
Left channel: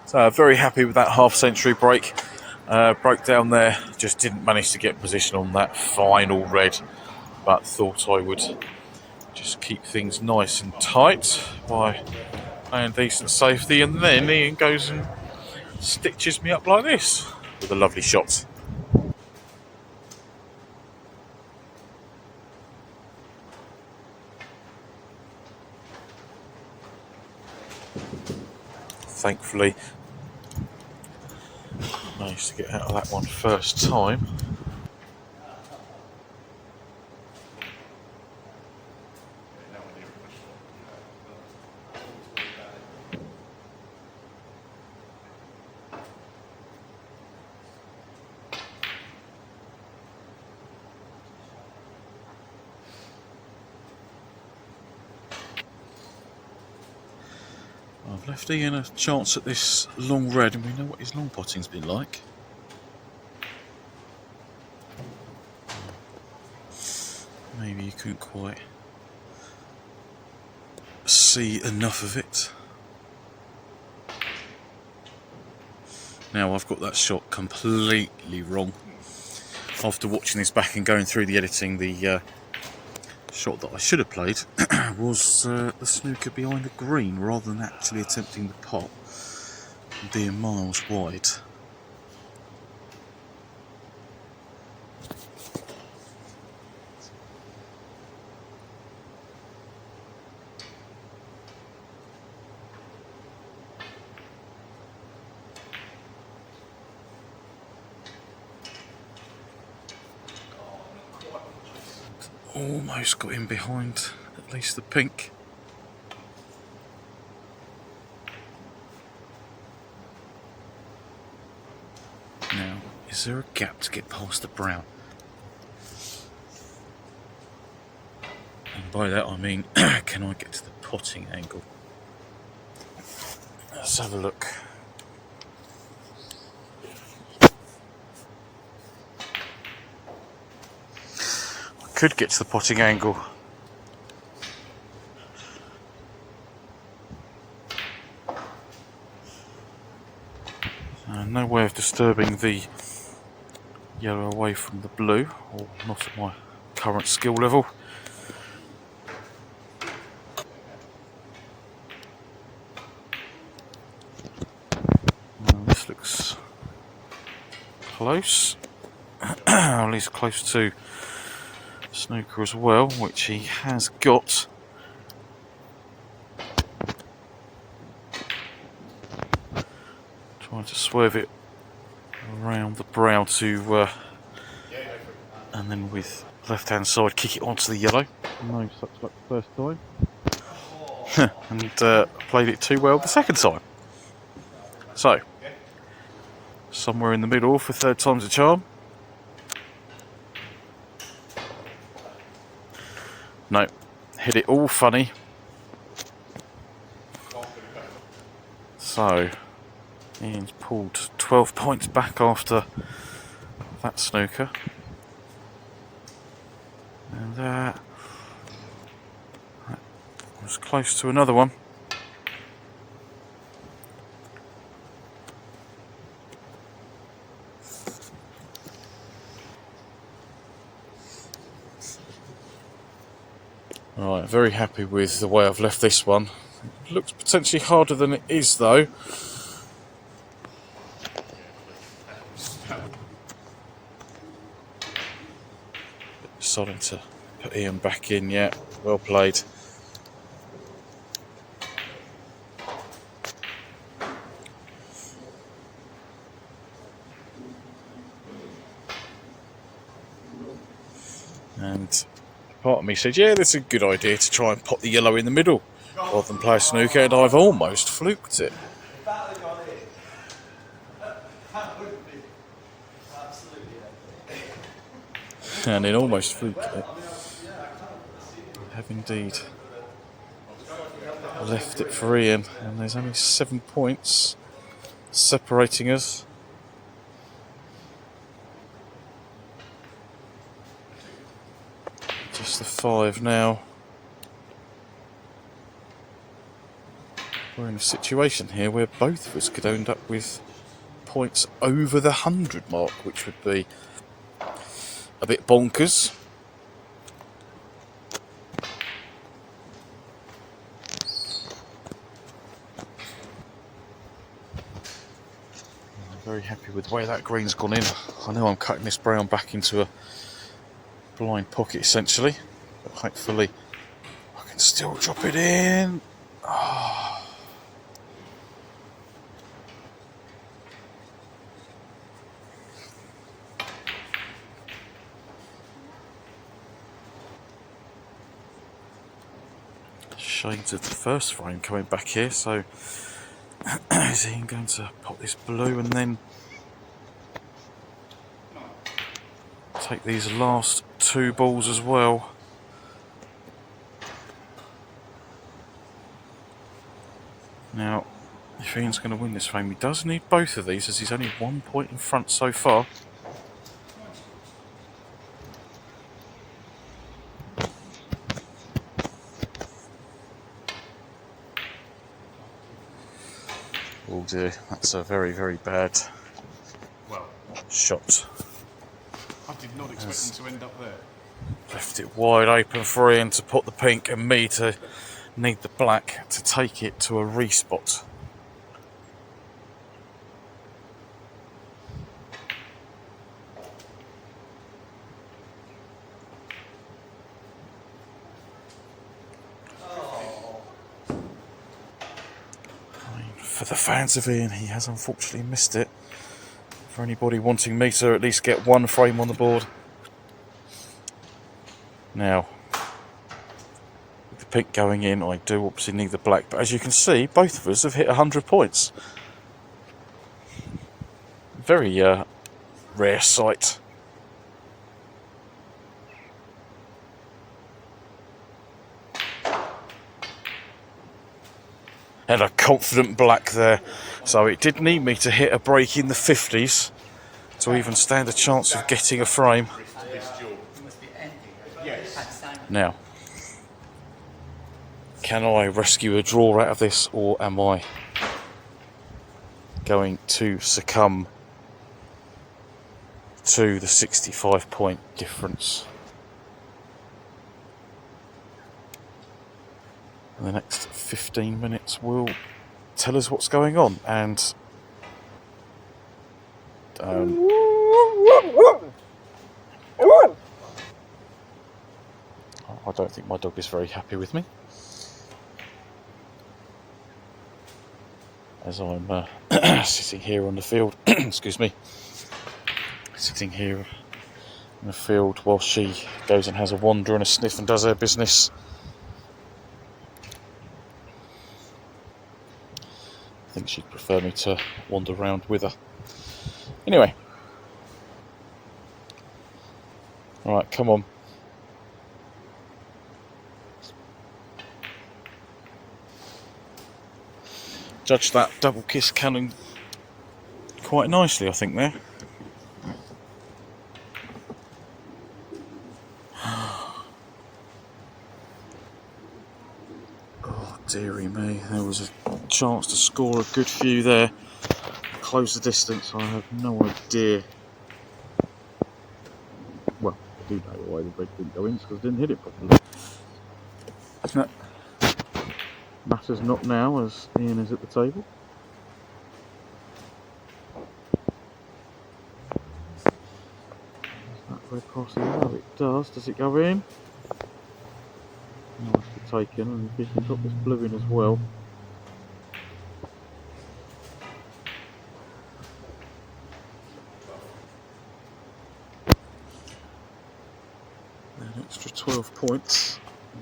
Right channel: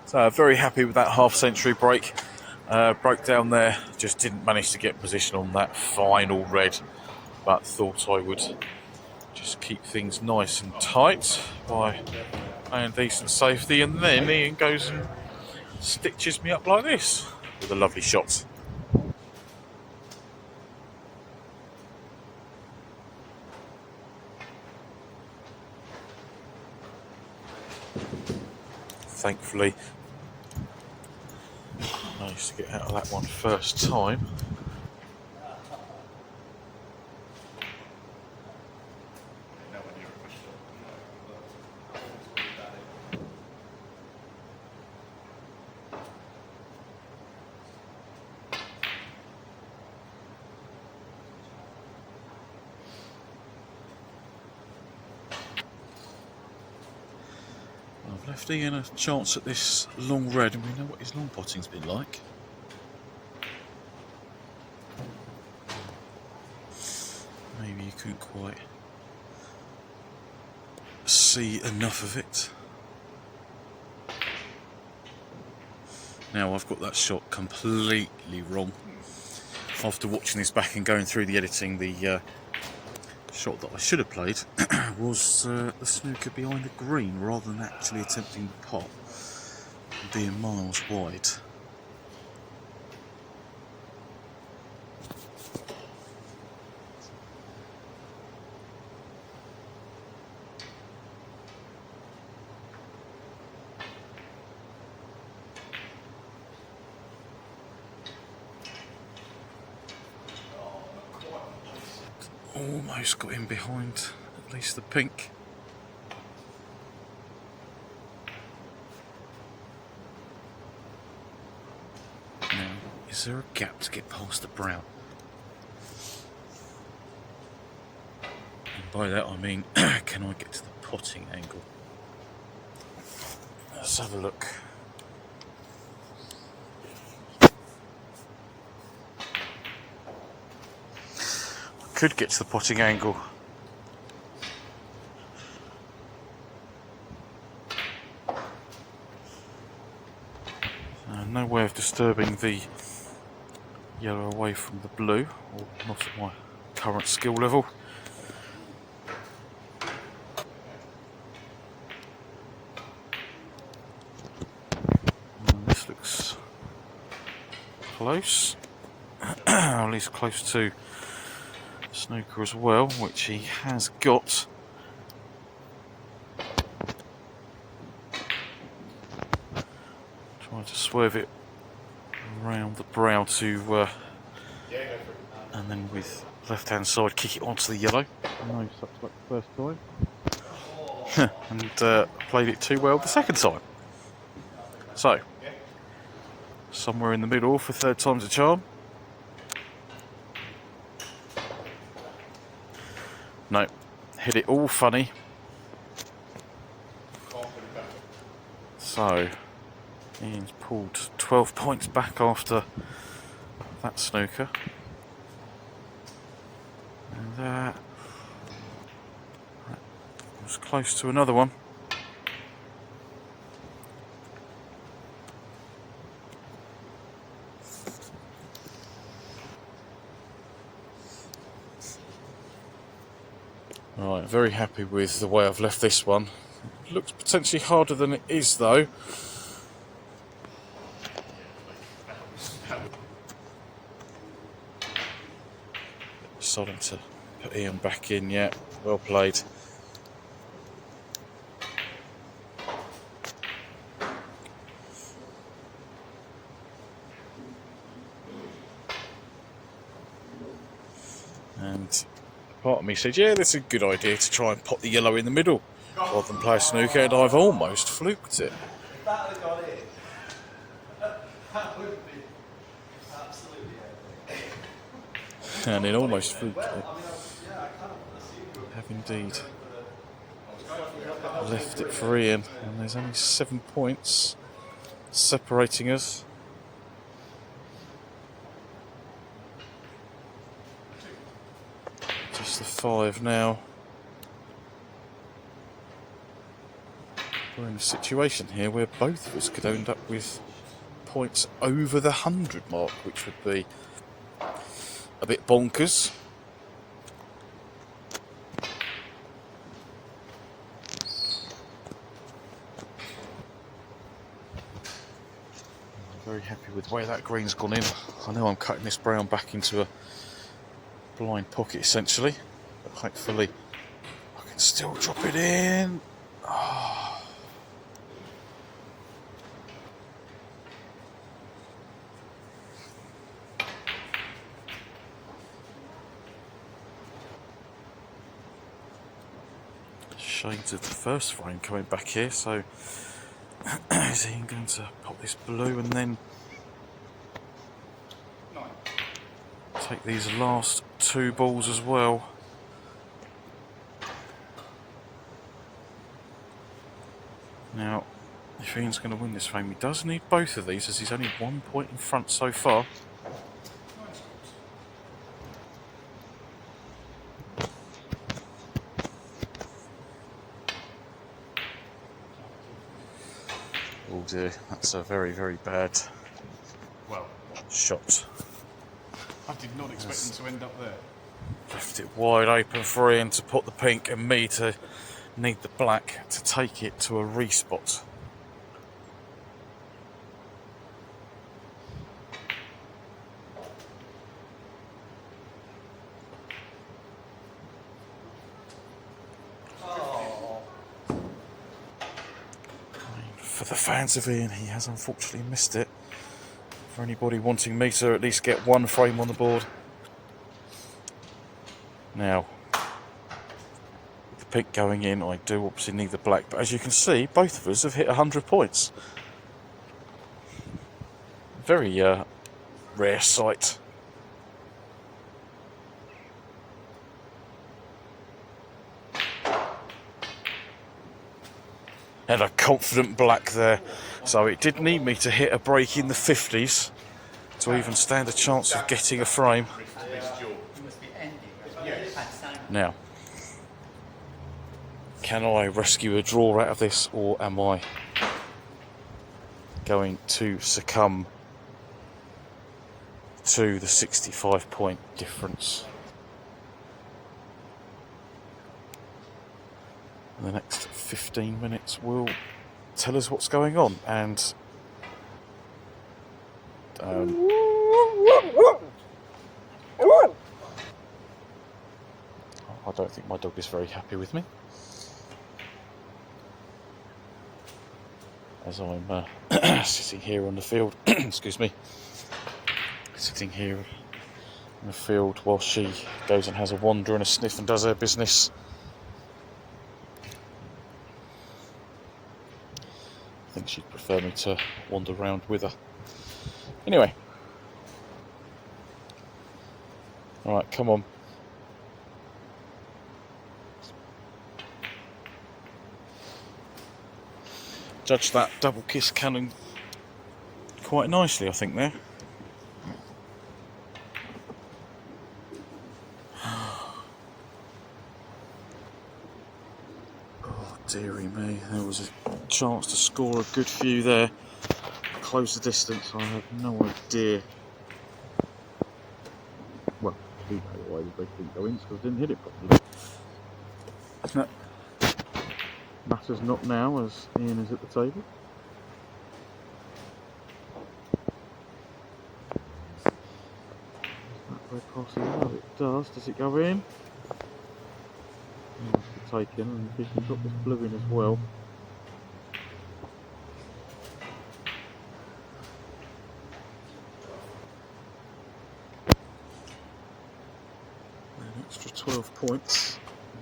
So very happy with that half-century break. Broke down there, just didn't manage to get position on that final red, but thought I would just keep things nice and tight by playing decent safety, and then Ian goes and stitches me up like this with a lovely shot. Thankfully, managed to get out of that one first time. I've left Ian a chance at this long red, and we know what his long potting's been like. Maybe you couldn't quite see enough of it. Now I've got that shot completely wrong. After watching this back and going through the editing, the shot that I should have played was the snooker behind the green rather than actually attempting the pot, being miles wide. Almost got in behind at least the pink. Now, is there a gap to get past the brown? And by that I mean, can I get to the potting angle? Let's have a look. I could get to the potting angle. No way of disturbing the yellow away from the blue, or not at my current skill level. This looks close, at least close to Snooker as well, which he has got. Trying to swerve it around the brow to, and then with left hand side kick it onto the yellow. No such luck the first time. And played it too well the second time. So, somewhere in the middle for third time's a charm. No, hit it all funny. So, Ian's pulled 12 points back after that snooker. And that was close to another one. Right, very happy with the way I've left this one. It looks potentially harder than it is though. Starting to put Ian back in, yeah, well played. And part of me said, yeah, that's a good idea to try and pot the yellow in the middle rather than play a snooker, and I've almost fluked it. If that had gone in, that would have been absolutely epic. And it almost fluked Well, it. I mean, I can't assume you Have indeed left it for Ian, and there's only 7 points separating us. Just the 5 now. We're in a situation here where both of us could end up with points over the 100 mark, which would be a bit bonkers. I'm very happy with the way that green's gone in. I know I'm cutting this brown back into a blind pocket essentially, but hopefully I can still drop it in. Shades of the first frame coming back here, so is Ian going to pop this blue and then take these last 2 balls as well? Now, if Ian's going to win this frame, he does need both of these, as he's only 1 point in front so far. Oh dear, that's a very, very bad Well, shot. I did not expect them to end up there. Left it wide open for Ian to put the pink and me to need the black to take it to a respot. For the fans of Ian, he has unfortunately missed it. For anybody wanting me to at least get 1 frame on the board. Now, with the pink going in, I do obviously need the black, but as you can see, both of us have hit 100 points. Very rare sight. and a confident black there. So it did need me to hit a break in the 50s to even stand a chance of getting a frame. Now, can I rescue a draw out of this, or am I going to succumb to the 65-point difference? The next 15 minutes will tell us what's going on, and I don't think my dog is very happy with me, as I'm sitting here on the field, excuse me, sitting here in the field while she goes and has a wander and a sniff and does her business. I think she'd prefer me to wander around with her. Anyway, alright, come on. Judged that double kiss cannon quite nicely, I think, there. Oh, dearie me, there was a chance to score a good few there. Close the distance, I have no idea. Well, I do know why the break didn't go in, because I didn't hit it properly. That matters not now, as Ian is at the table. Does that red pass the yellow? It does. Does it go in? Nicely taken, and the fish got this blue in as well. An extra 12 points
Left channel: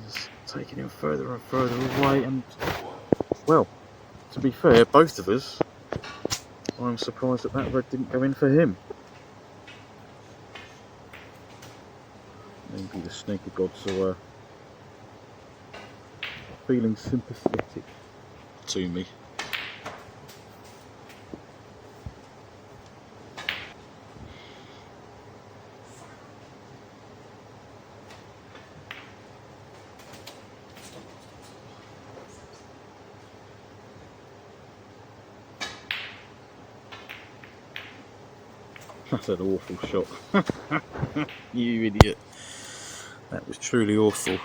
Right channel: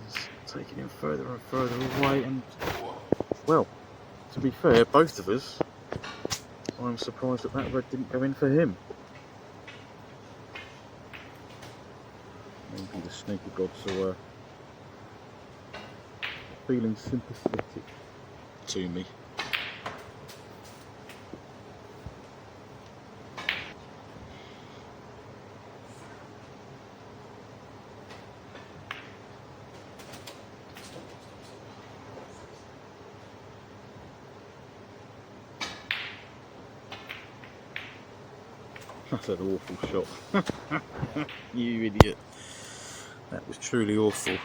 is taking him further and further away, and well, to be fair, both of us, I'm surprised that that red didn't go in for him. Maybe the snooker gods are feeling sympathetic to me. That's an awful shot. You idiot. That was truly awful.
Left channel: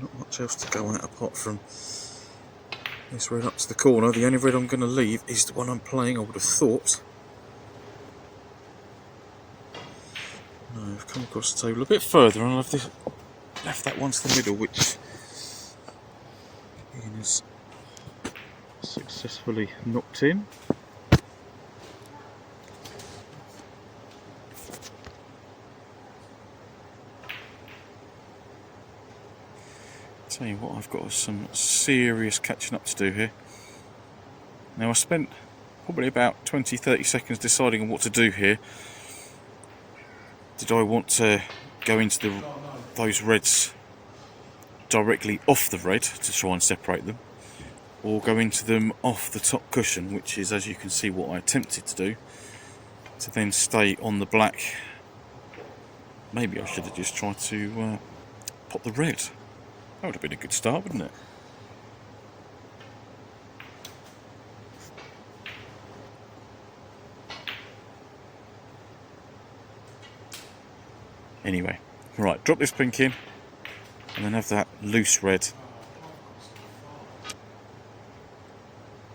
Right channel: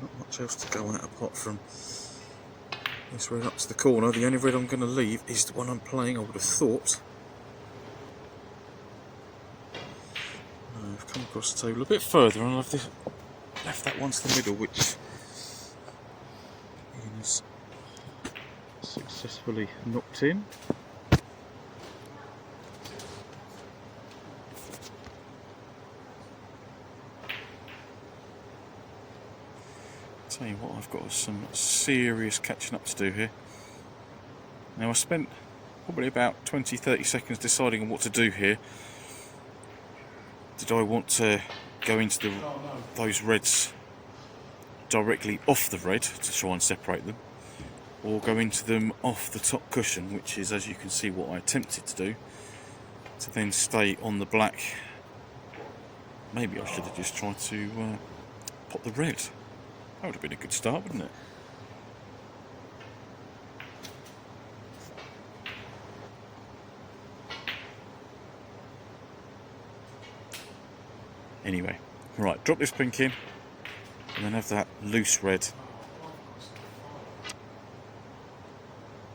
Not much else to go on it apart from this red up to the corner. The only red I'm going to leave is the one I'm playing, I would have thought. No, I've come across the table a bit further and I've left that one to the middle, which Ian has successfully knocked in. Tell you what, I've got some serious catching up to do here. Now, I spent probably about 20-30 seconds deciding on what to do here. Did I want to go into those reds directly off the red to try and separate them, or go into them off the top cushion, which is, as you can see, what I attempted to do, to then stay on the black? Maybe I should have just tried to pop the red. That would have been a good start, wouldn't it? Anyway, right, drop this pink in, and then have that loose red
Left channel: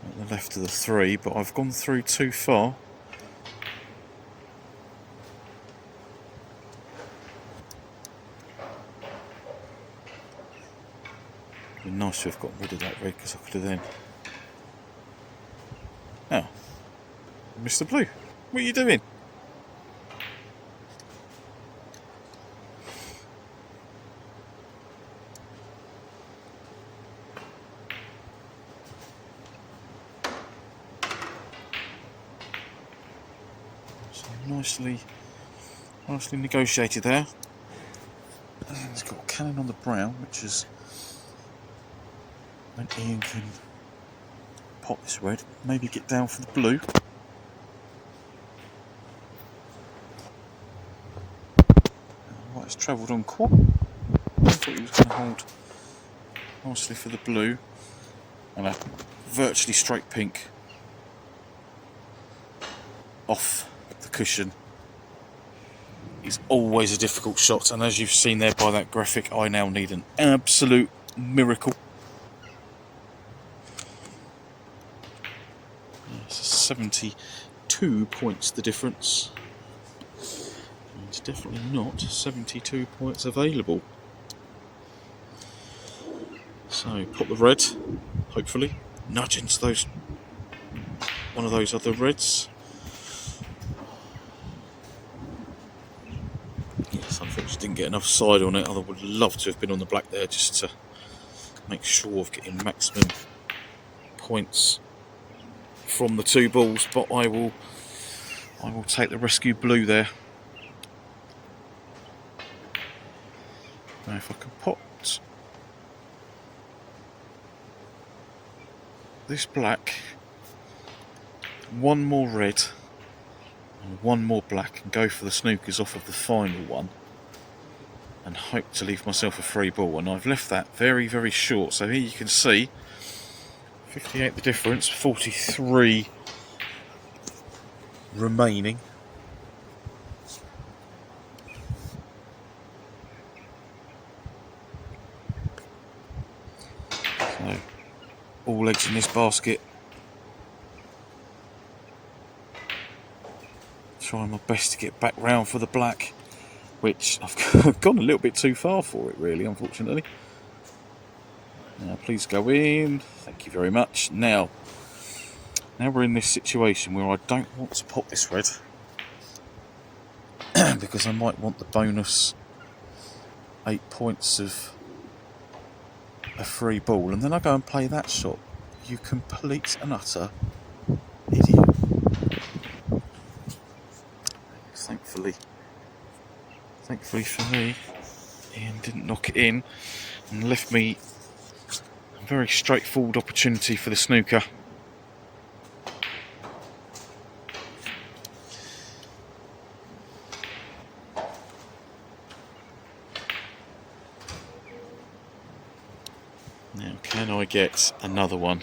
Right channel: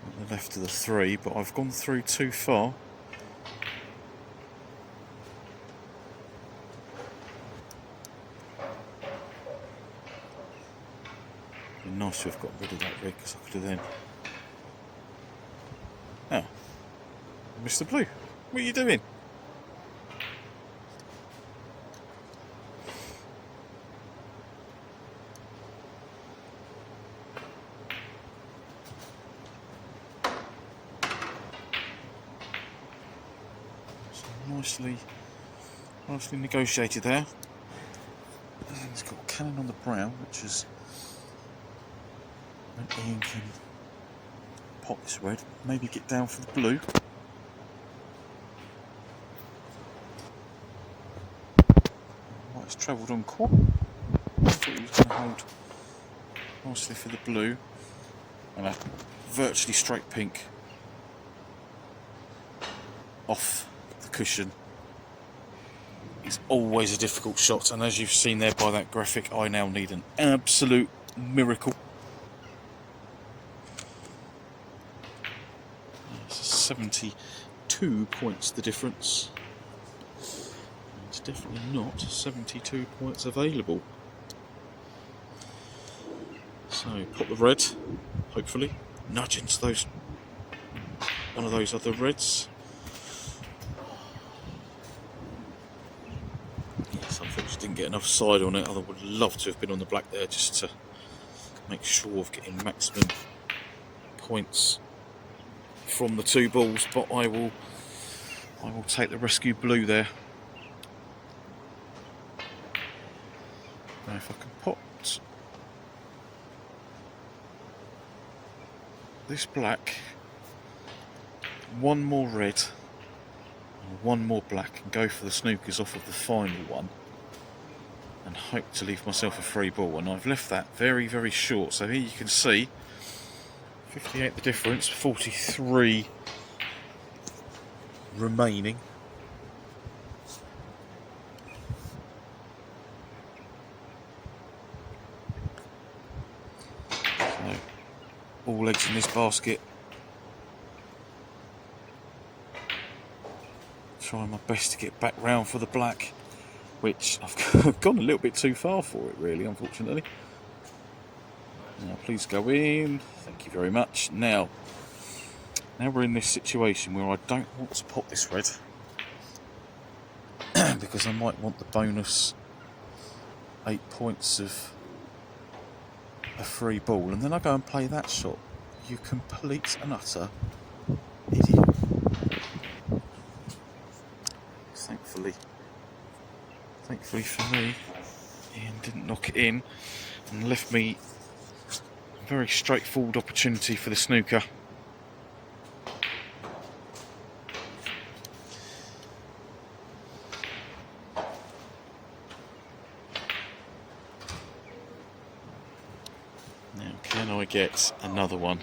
at the left of the 3, but I've gone through too far. It'd be nice to have got rid of that red, because I could have then... Oh, Mr. Blue, what are you doing? Nicely negotiated there. And he's got a cannon on the brown, which is when Ian can pop this red, maybe get down for the blue. White has travelled on quite. I thought he was going to hold nicely for the blue. And a virtually straight pink off the cushion is always a difficult shot, and as you've seen there by that graphic, I now need an absolute miracle. It's 72 points the difference. It's definitely not 72 points available. So pop the red, hopefully, nudge into those one of those other reds. Yes, unfortunately didn't get enough side on it. I would love to have been on the black there just to make sure of getting maximum points from the two balls, but I will take the rescue blue there. Now if I can pot this black, one more red and one more black, and go for the snookers off of the final one and hope to leave myself a free ball. And I've left that very, very short, so here you can see 58 the difference, 43 remaining. So all eggs in this basket. Trying my best to get back round for the black, which I've gone a little bit too far for it, really, unfortunately. Now, please go in. Thank you very much. Now we're in this situation where I don't want to pop this red because I might want the bonus 8 points of a free ball, and then I go and play that shot. You complete and utter idiot. Thankfully for me, Ian didn't knock it in and left me a very straightforward opportunity for the snooker. Now, can I get another one?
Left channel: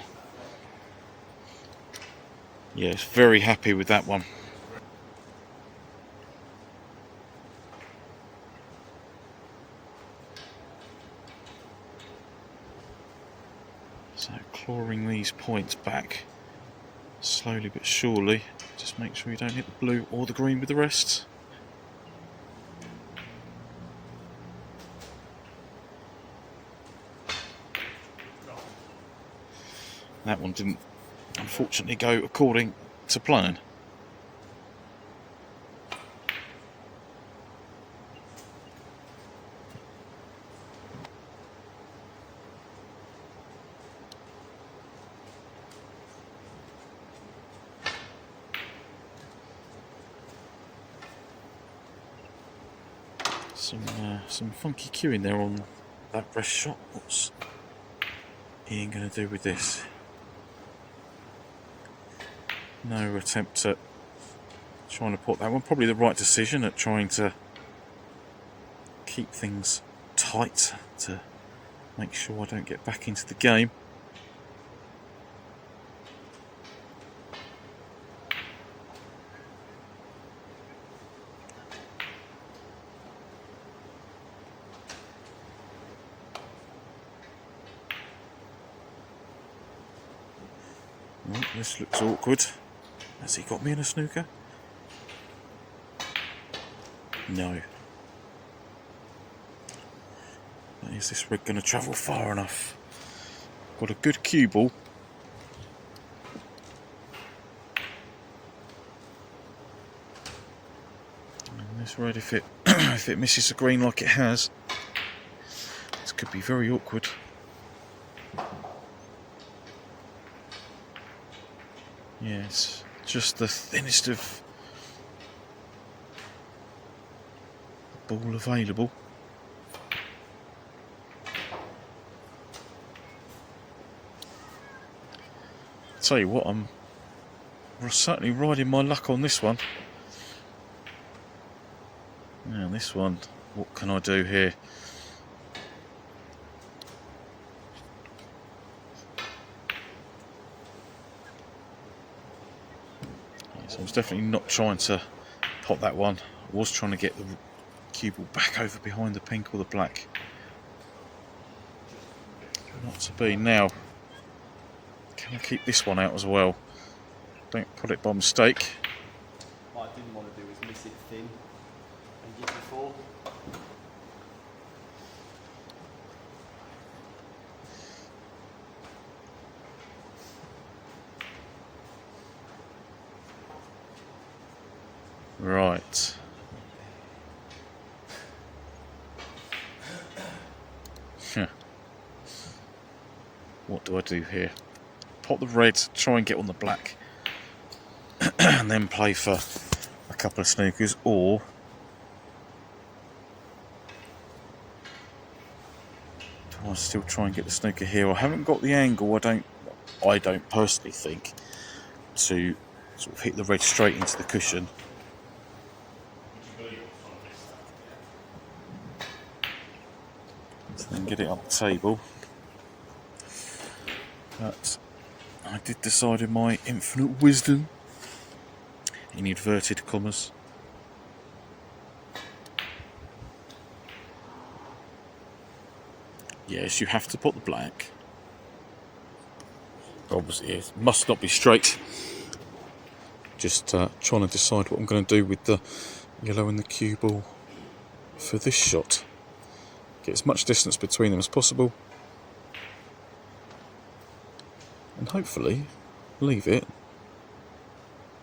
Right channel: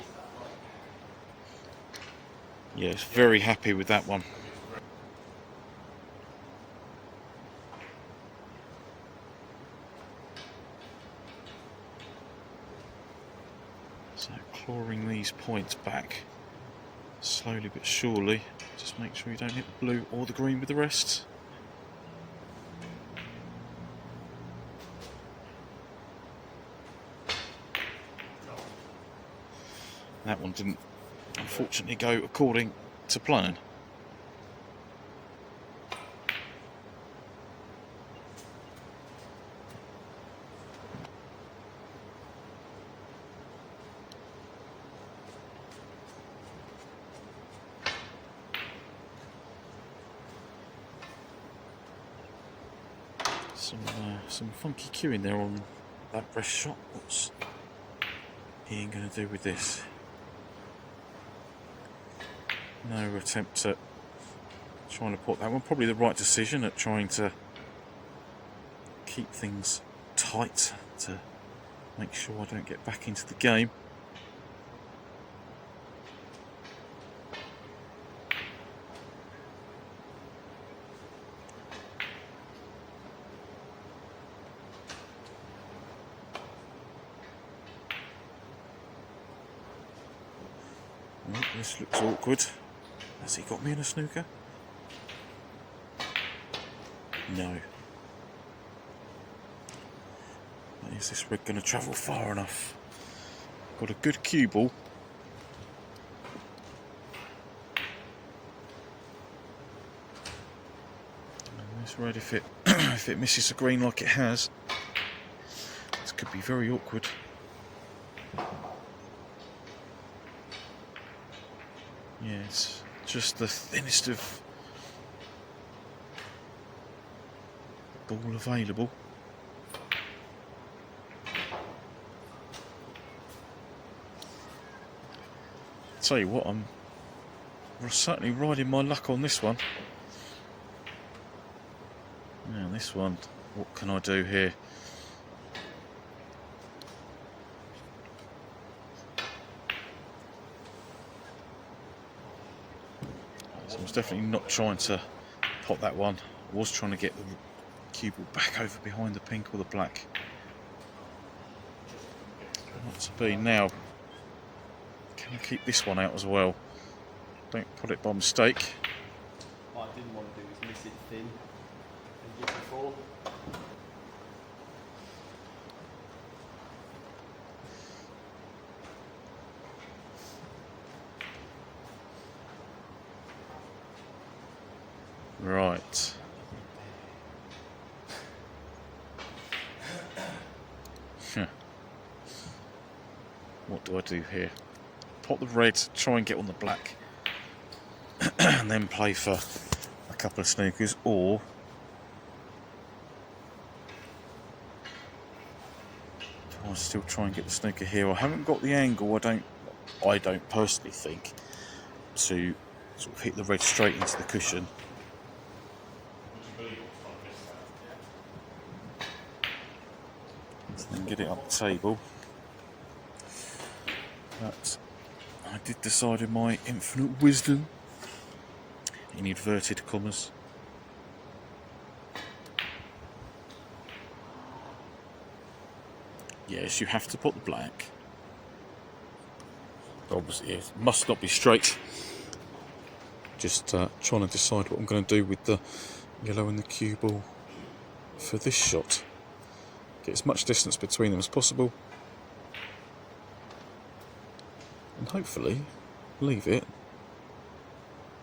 Yes, very happy with that one. So clawing these points back slowly but surely. Just make sure you don't hit the blue or the green with the rest. That one didn't unfortunately go according to plan. Some funky cueing there on that rest shot. What's Ian going to do with this? No attempt at trying to put that one. Probably the right decision at trying to keep things tight to make sure I don't get back into the game. Well, this looks awkward. Has he got me in a snooker? No. Is this rig going to travel far enough? Got a good cue ball. And this red, if it misses the green like it has, this could be very awkward. Yes, just the thinnest of ball available. tell you what, I'm certainly riding my luck on this one. Now this one, what can I do here? So I was definitely not trying to pot that one. I was trying to get the cue ball back over behind the pink or the black. Not to be. Now, can I keep this one out as well? Don't put it by mistake. What I didn't want to do was miss it thin and give it 4. Right. What do I do here? Pot the red, try and get on the black, and then play for a couple of snookers, or do I still try and get the snooker here? I haven't got the angle. I don't personally think to sort of hit the red straight into the cushion. And then get it up the table. But I did decide in my infinite wisdom, in inverted commas, yes, you have to put the black. Obviously it must not be straight. Just trying to decide what I'm going to do with the yellow and the cue ball for this shot. Get as much distance between them as possible, and hopefully leave it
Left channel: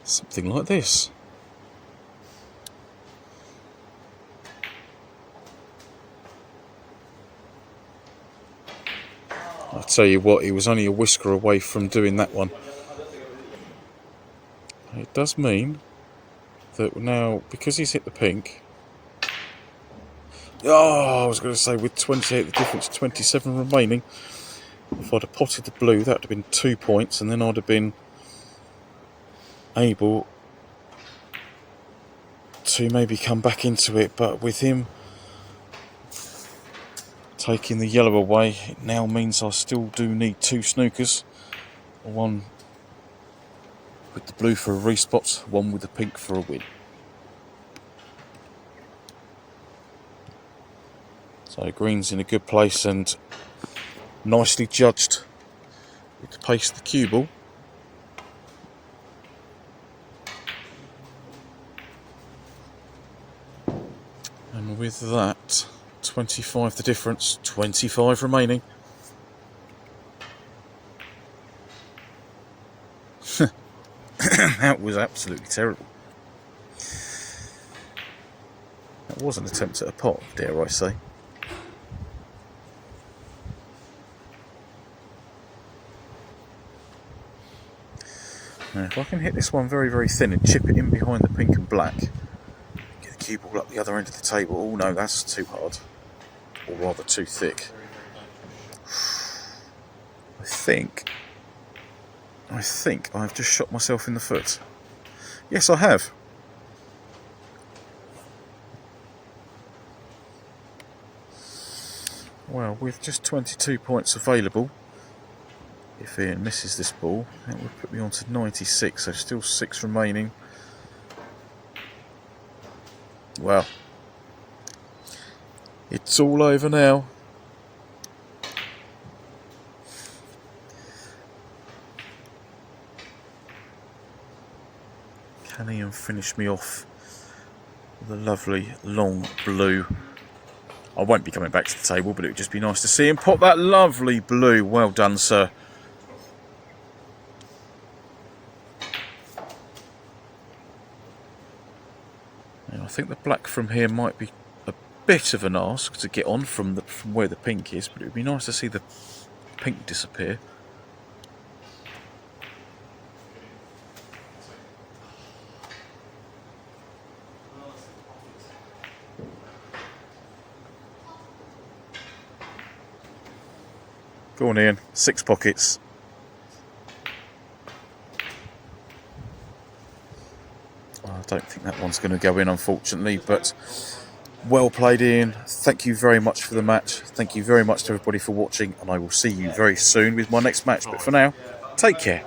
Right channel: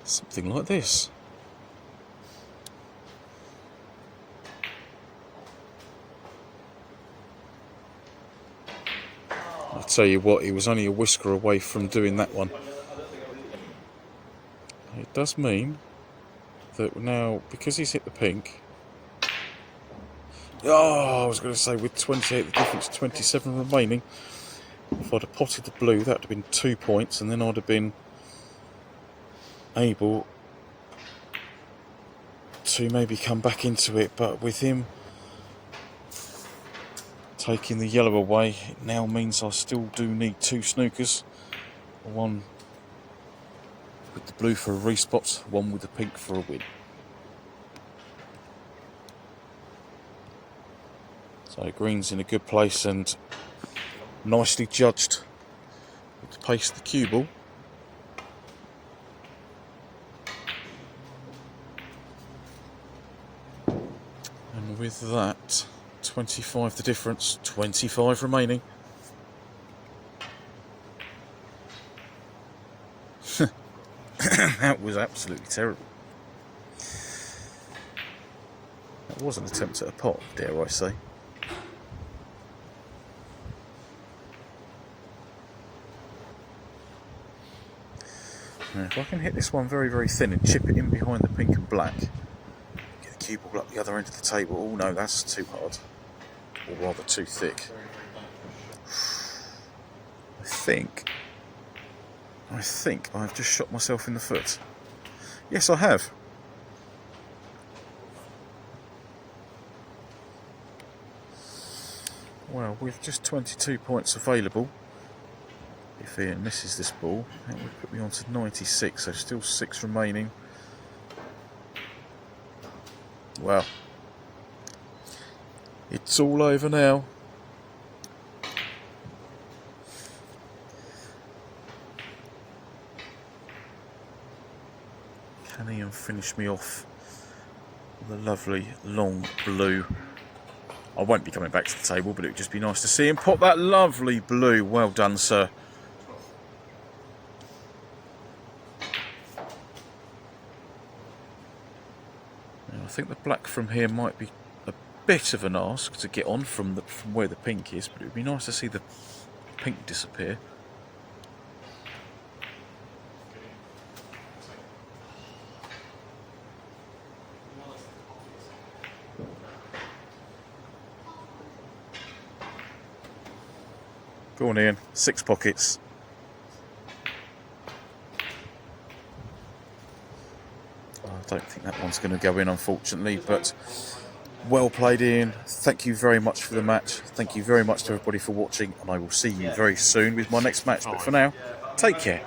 something like this. I'll tell you what, he was only a whisker away from doing that one. It does mean that now, because he's hit the pink, I was going to say with 28 the difference, 27 remaining, if I'd have potted the blue, that would have been 2 points, and then I'd have been able to maybe come back into it. But with him taking the yellow away, it now means I still do need 2 snookers. One with the blue for a respot, one with the pink for a win. So green's in a good place and nicely judged. To paste the cue ball. And with that, 25 the difference, 25 remaining. That was absolutely terrible. That was an attempt at a pot, dare I say. Now, if I can hit this one very, very thin and chip it in behind the pink and black, get the cue ball up the other end of the table. Oh no, that's too hard. Or rather too thick. I think I've just shot myself in the foot. Yes, I have. Well, with just 22 points available, if Ian misses this ball, that would put me on to 96, so still 6 remaining. Well, it's all over now. Can Ian finish me off with a lovely long blue? I won't be coming back to the table, but it would just be nice to see him pop that lovely blue. Well done, sir. I think the black from here might be a bit of an ask to get on from where the pink is, but it would be nice to see the pink disappear. Go on, Ian. 6 pockets. don't think that one's going to go in, unfortunately, but well played, Ian. Thank you very much for the match. Thank you very much to everybody for watching, and I will see you very soon with my next match. But for now, take care.